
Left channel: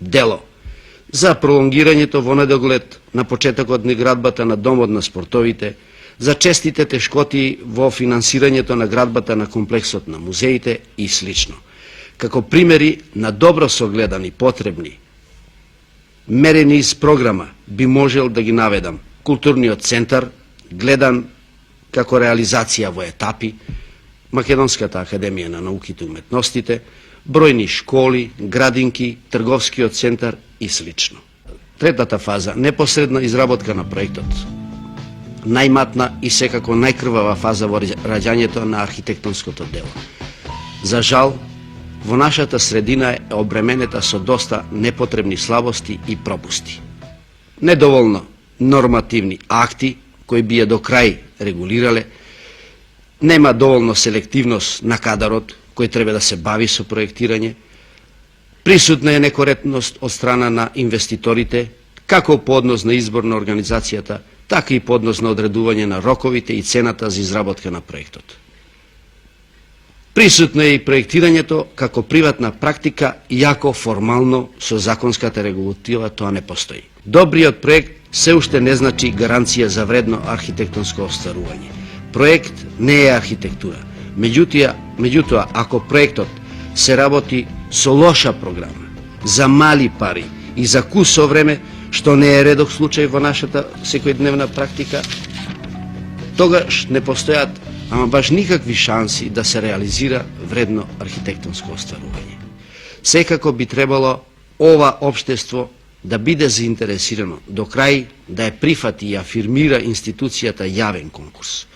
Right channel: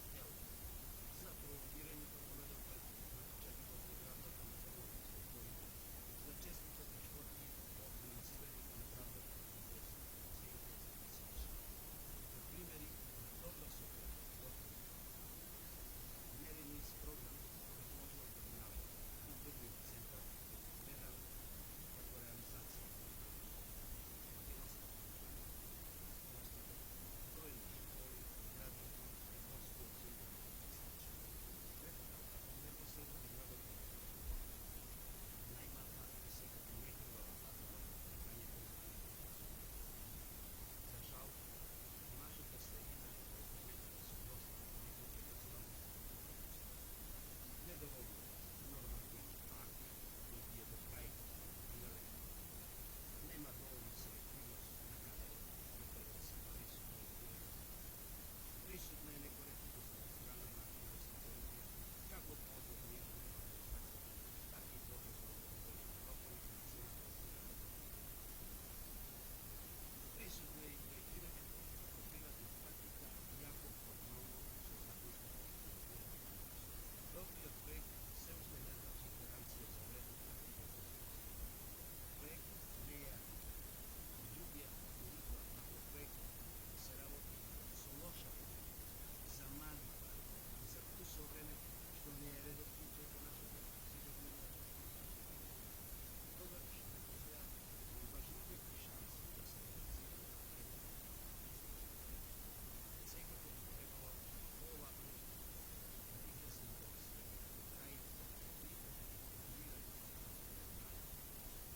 дело, за пролонгирањето во недоглед на почетокот на градбата на Домот на спортовите, за честите тешкоти во финансирањето на градбата на комплексот на музеите и слично. Како примери на добро согледани потребни, мерени из програма, би можел да ги наведам културниот центар, гледан како реализација во етапи, Македонската академија на науките и уметностите, бројни школи, градинки, трговскиот центар и слично. Третата фаза, непосредна изработка на проектот. Најматна и секако најкрвава фаза во раѓањето на архитектонското дело. За жал, во нашата средина е обременета со доста непотребни слабости и пропусти. Недоволно нормативни акти кои би ја до крај регулирале, нема доволно селективност на кадарот кој треба да се бави со проектирање, присутна е некоректност од страна на инвеститорите, како по однос на избор на организацијата, така и по однос на одредување на роковите и цената за изработка на проектот. Присутно е и проектирањето како приватна практика, иако формално со законската регулатива тоа не постои. Добриот проект се уште не значи гаранција за вредно архитектонско остварување. Проект не е архитектура. Меѓутоа, ако проектот се работи со лоша програма, за мали пари и за кусо време, што не е редок случај во нашата секојдневна практика, тогаш не постојат ама баш никакви шанси да се реализира вредно архитектонско остварување. Секако би требало ова општество да биде заинтересирано до крај да ја прифати и афирмира институцијата јавен конкурс.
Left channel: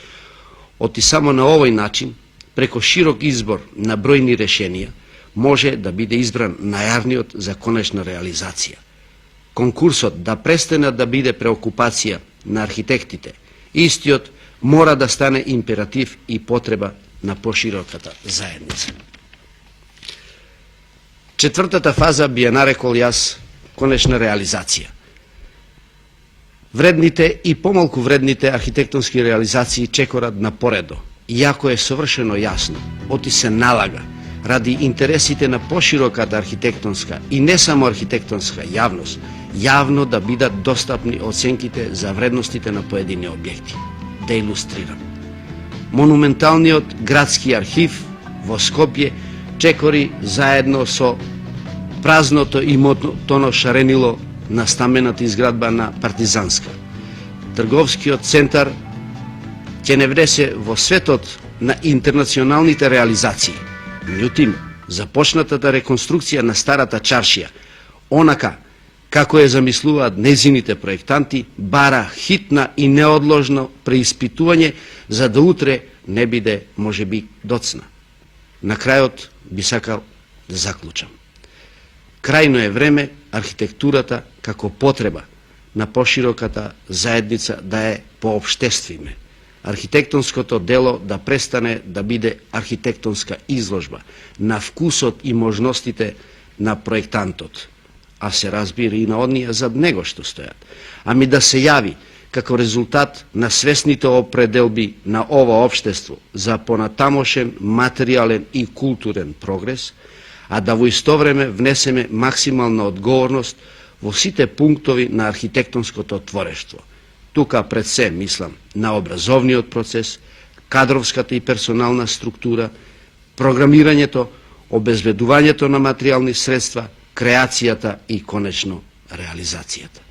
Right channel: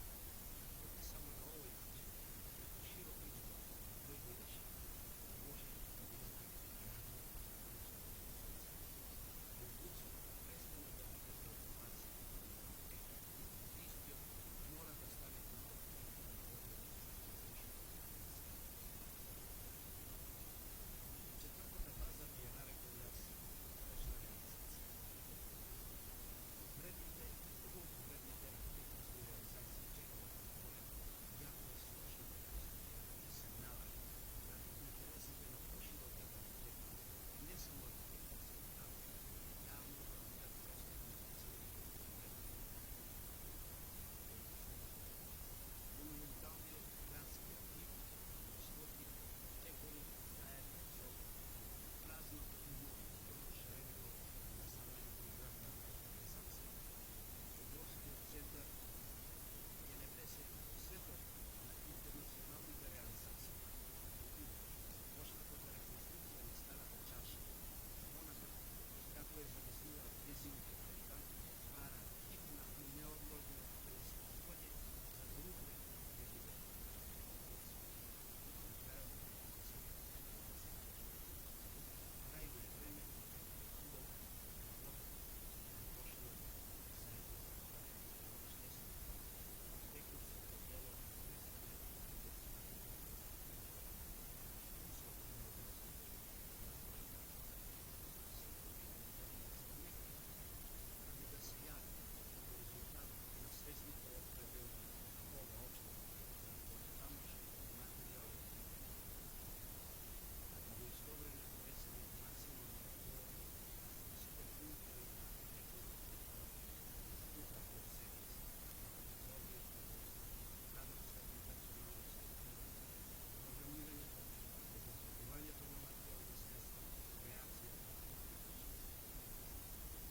Оти само на овој начин, преко широк избор на бројни решенија, може да биде избран најарниот за конечна реализација. Конкурсот да престане да биде преокупација на архитектите, истиот мора да стане императив и потреба на пошироката заедница. Четвртата фаза би ја нарекол јас конечна реализација. Вредните и помалку вредните архитектонски реализации чекорат на поредо, иако е совршено јасно, оти се налага, ради интересите на пошироката архитектонска и не само архитектонска јавност, јавно да бидат достапни оценките за вредностите на поедини објекти. Да илустрирам. Монументалниот градски архив во Скопје чекори заедно со празното имотно шаренило на стамбената изградба на Партизанска. Трговскиот центар ќе не внесе во светот на интернационалните реализации. Меѓутоа, започнатата реконструкција на старата чаршија, онака како ја замислуваат незините проектанти, бара хитна и неодложно преиспитување за да утре не биде можеби доцна. На крајот би сакал да заклучам. Крајно е време архитектурата како потреба на пошироката заедница да е поопштествиме. Архитектонското дело да престане да биде архитектонска изложба на вкусот и можностите на проектантот, а се разбира и на оние зад него што стојат, ами да се јави како резултат на свесните определби на ова општество за понатамошен материјален и културен прогрес, а да во исто време внесеме максимална одговорност во сите пунктови на архитектонското творештво. Тука пред се мислам на образовниот процес, кадровската и персонална структура, програмирањето, обезбедувањето на материјални средства, креацијата и конечно реализацијата.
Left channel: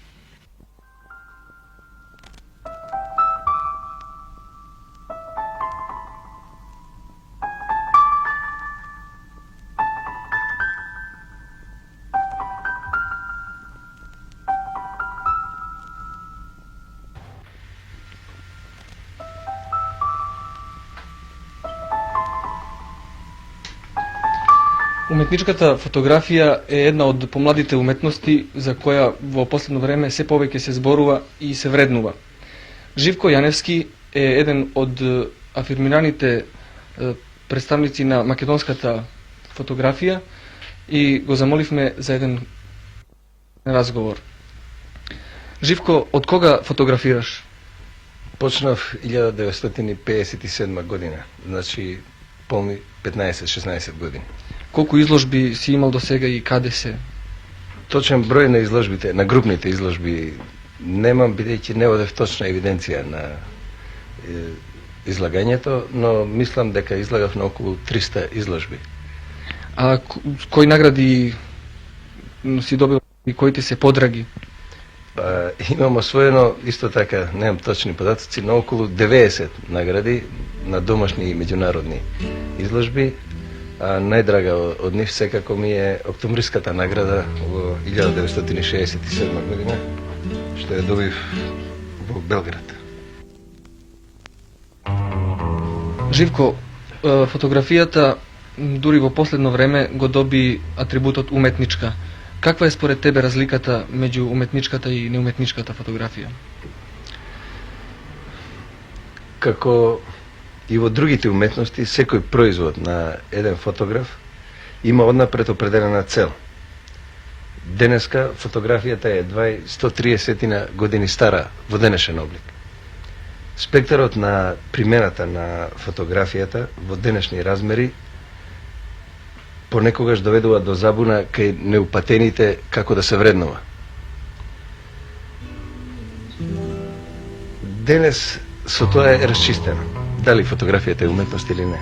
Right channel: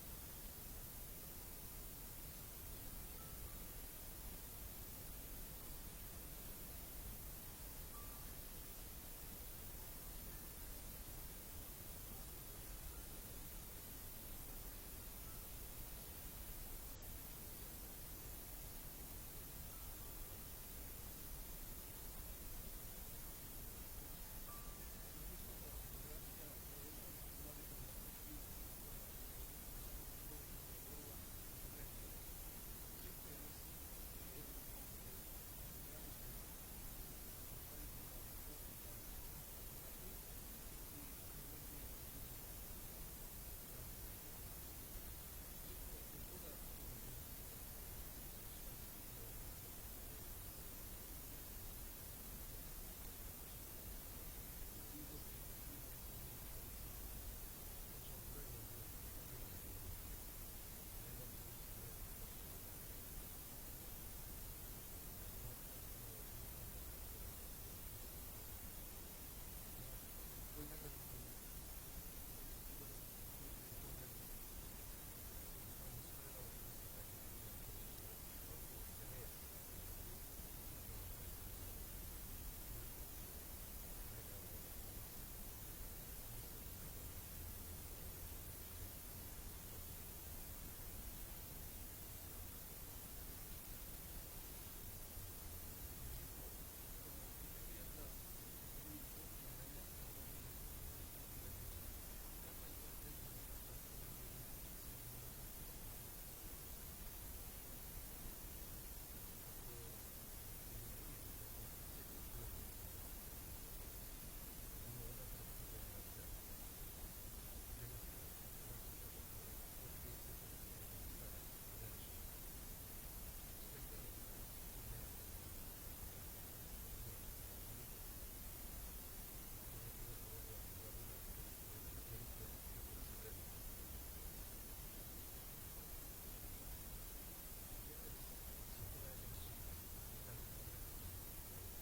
Уметничката фотографија е една од помладите уметности за која во последно време се повеќе се зборува и се вреднува. Живко Јаневски е еден од афирмираните представници на македонската фотографија и го замоливме за еден разговор. Живко, од кога фотографираш? Почнав 1957 година, значи полни 15-16 години. Колку изложби си имал до сега и каде се? Точен број на изложбите, на групните изложби Немам, бидејќи не одев точна евиденција на излагањето, но мислам дека излагав на околу 300 изложби. А кои награди си добил и кои ти се подраги? Имам освоено, исто така, немам точни податоци, на околу 90 награди на домашни и меѓународни изложби. А најдрага од нив секако ми е Октомвриската награда во 1967 година, што ја добив во Белград. Живко, фотографијата дури во последно време го доби атрибутот уметничка. Каква е според тебе разликата меѓу уметничката и неуметничката фотографија? Како и во другите уметности, секој производ на еден фотограф има однапред определена цел. Денеска фотографијата е 130 години стара во денешен облик. Спектарот на примената на фотографијата во денешни размери понекогаш доведува до забуна кај неупатените како да се вреднува. Денес со тоа е расчистено, дали фотографијата е уметност или не.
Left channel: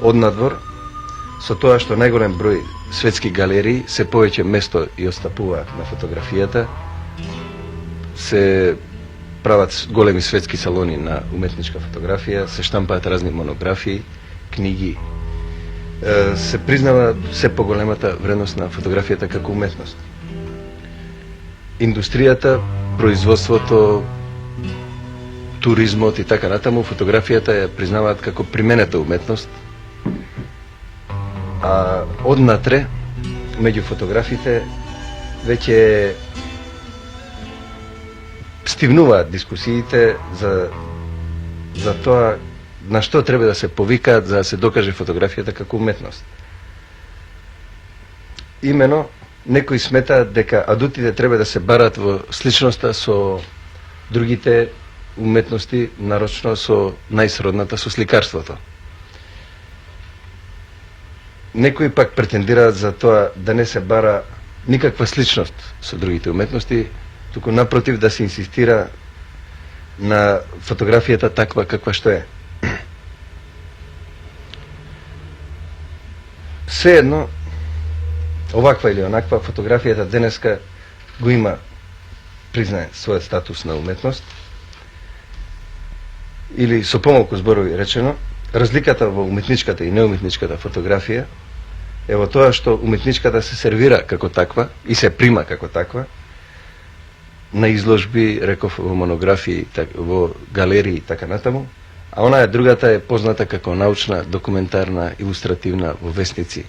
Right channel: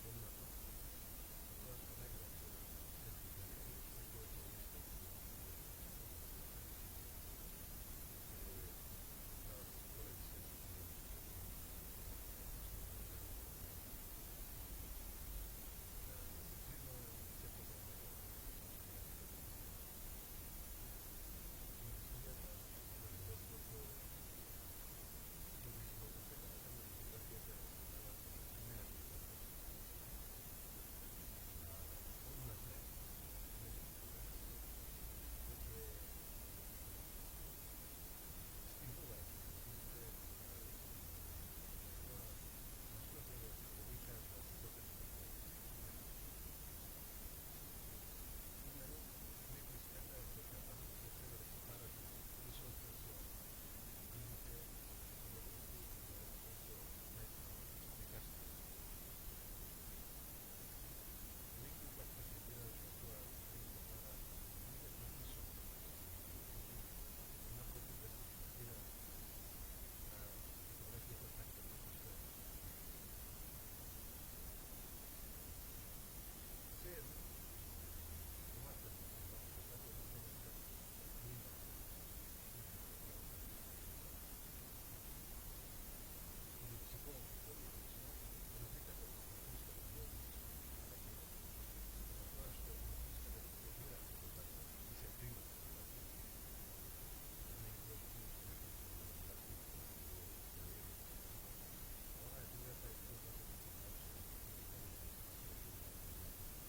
Однадвор, со тоа што најголем број светски галерии се повеќе место и отстапува на фотографијата, се прават големи светски салони на уметничка фотографија, се штампаат разни монографии, книги, се признава се поголемата вредност на фотографијата како уметност. Индустријата, производството, туризмот и така натаму, фотографијата ја признаваат како применета уметност, а однатре, меѓу фотографите, веќе стивнуваат дискусиите за тоа на што треба да се повикаат за да се докаже фотографијата како уметност. Имено, некои сметаат дека адутите треба да се барат во сличноста со другите уметности, нарочно со најсродната со сликарството. Некои пак претендираат за тоа да не се бара никаква сличност со другите уметности, туку напротив да се инсистира на фотографијата таква каква што е. Сеедно, оваква или онаква, фотографијата денеска го има признае својот статус на уметност, или со помалку зборови речено, разликата во уметничката и неуметничката фотографија е во тоа што уметничката се сервира како таква и се прима како таква на изложби, реков, во монографии, во галерии и така натаму, а онаа другата е позната како научна, документарна, илустративна во весници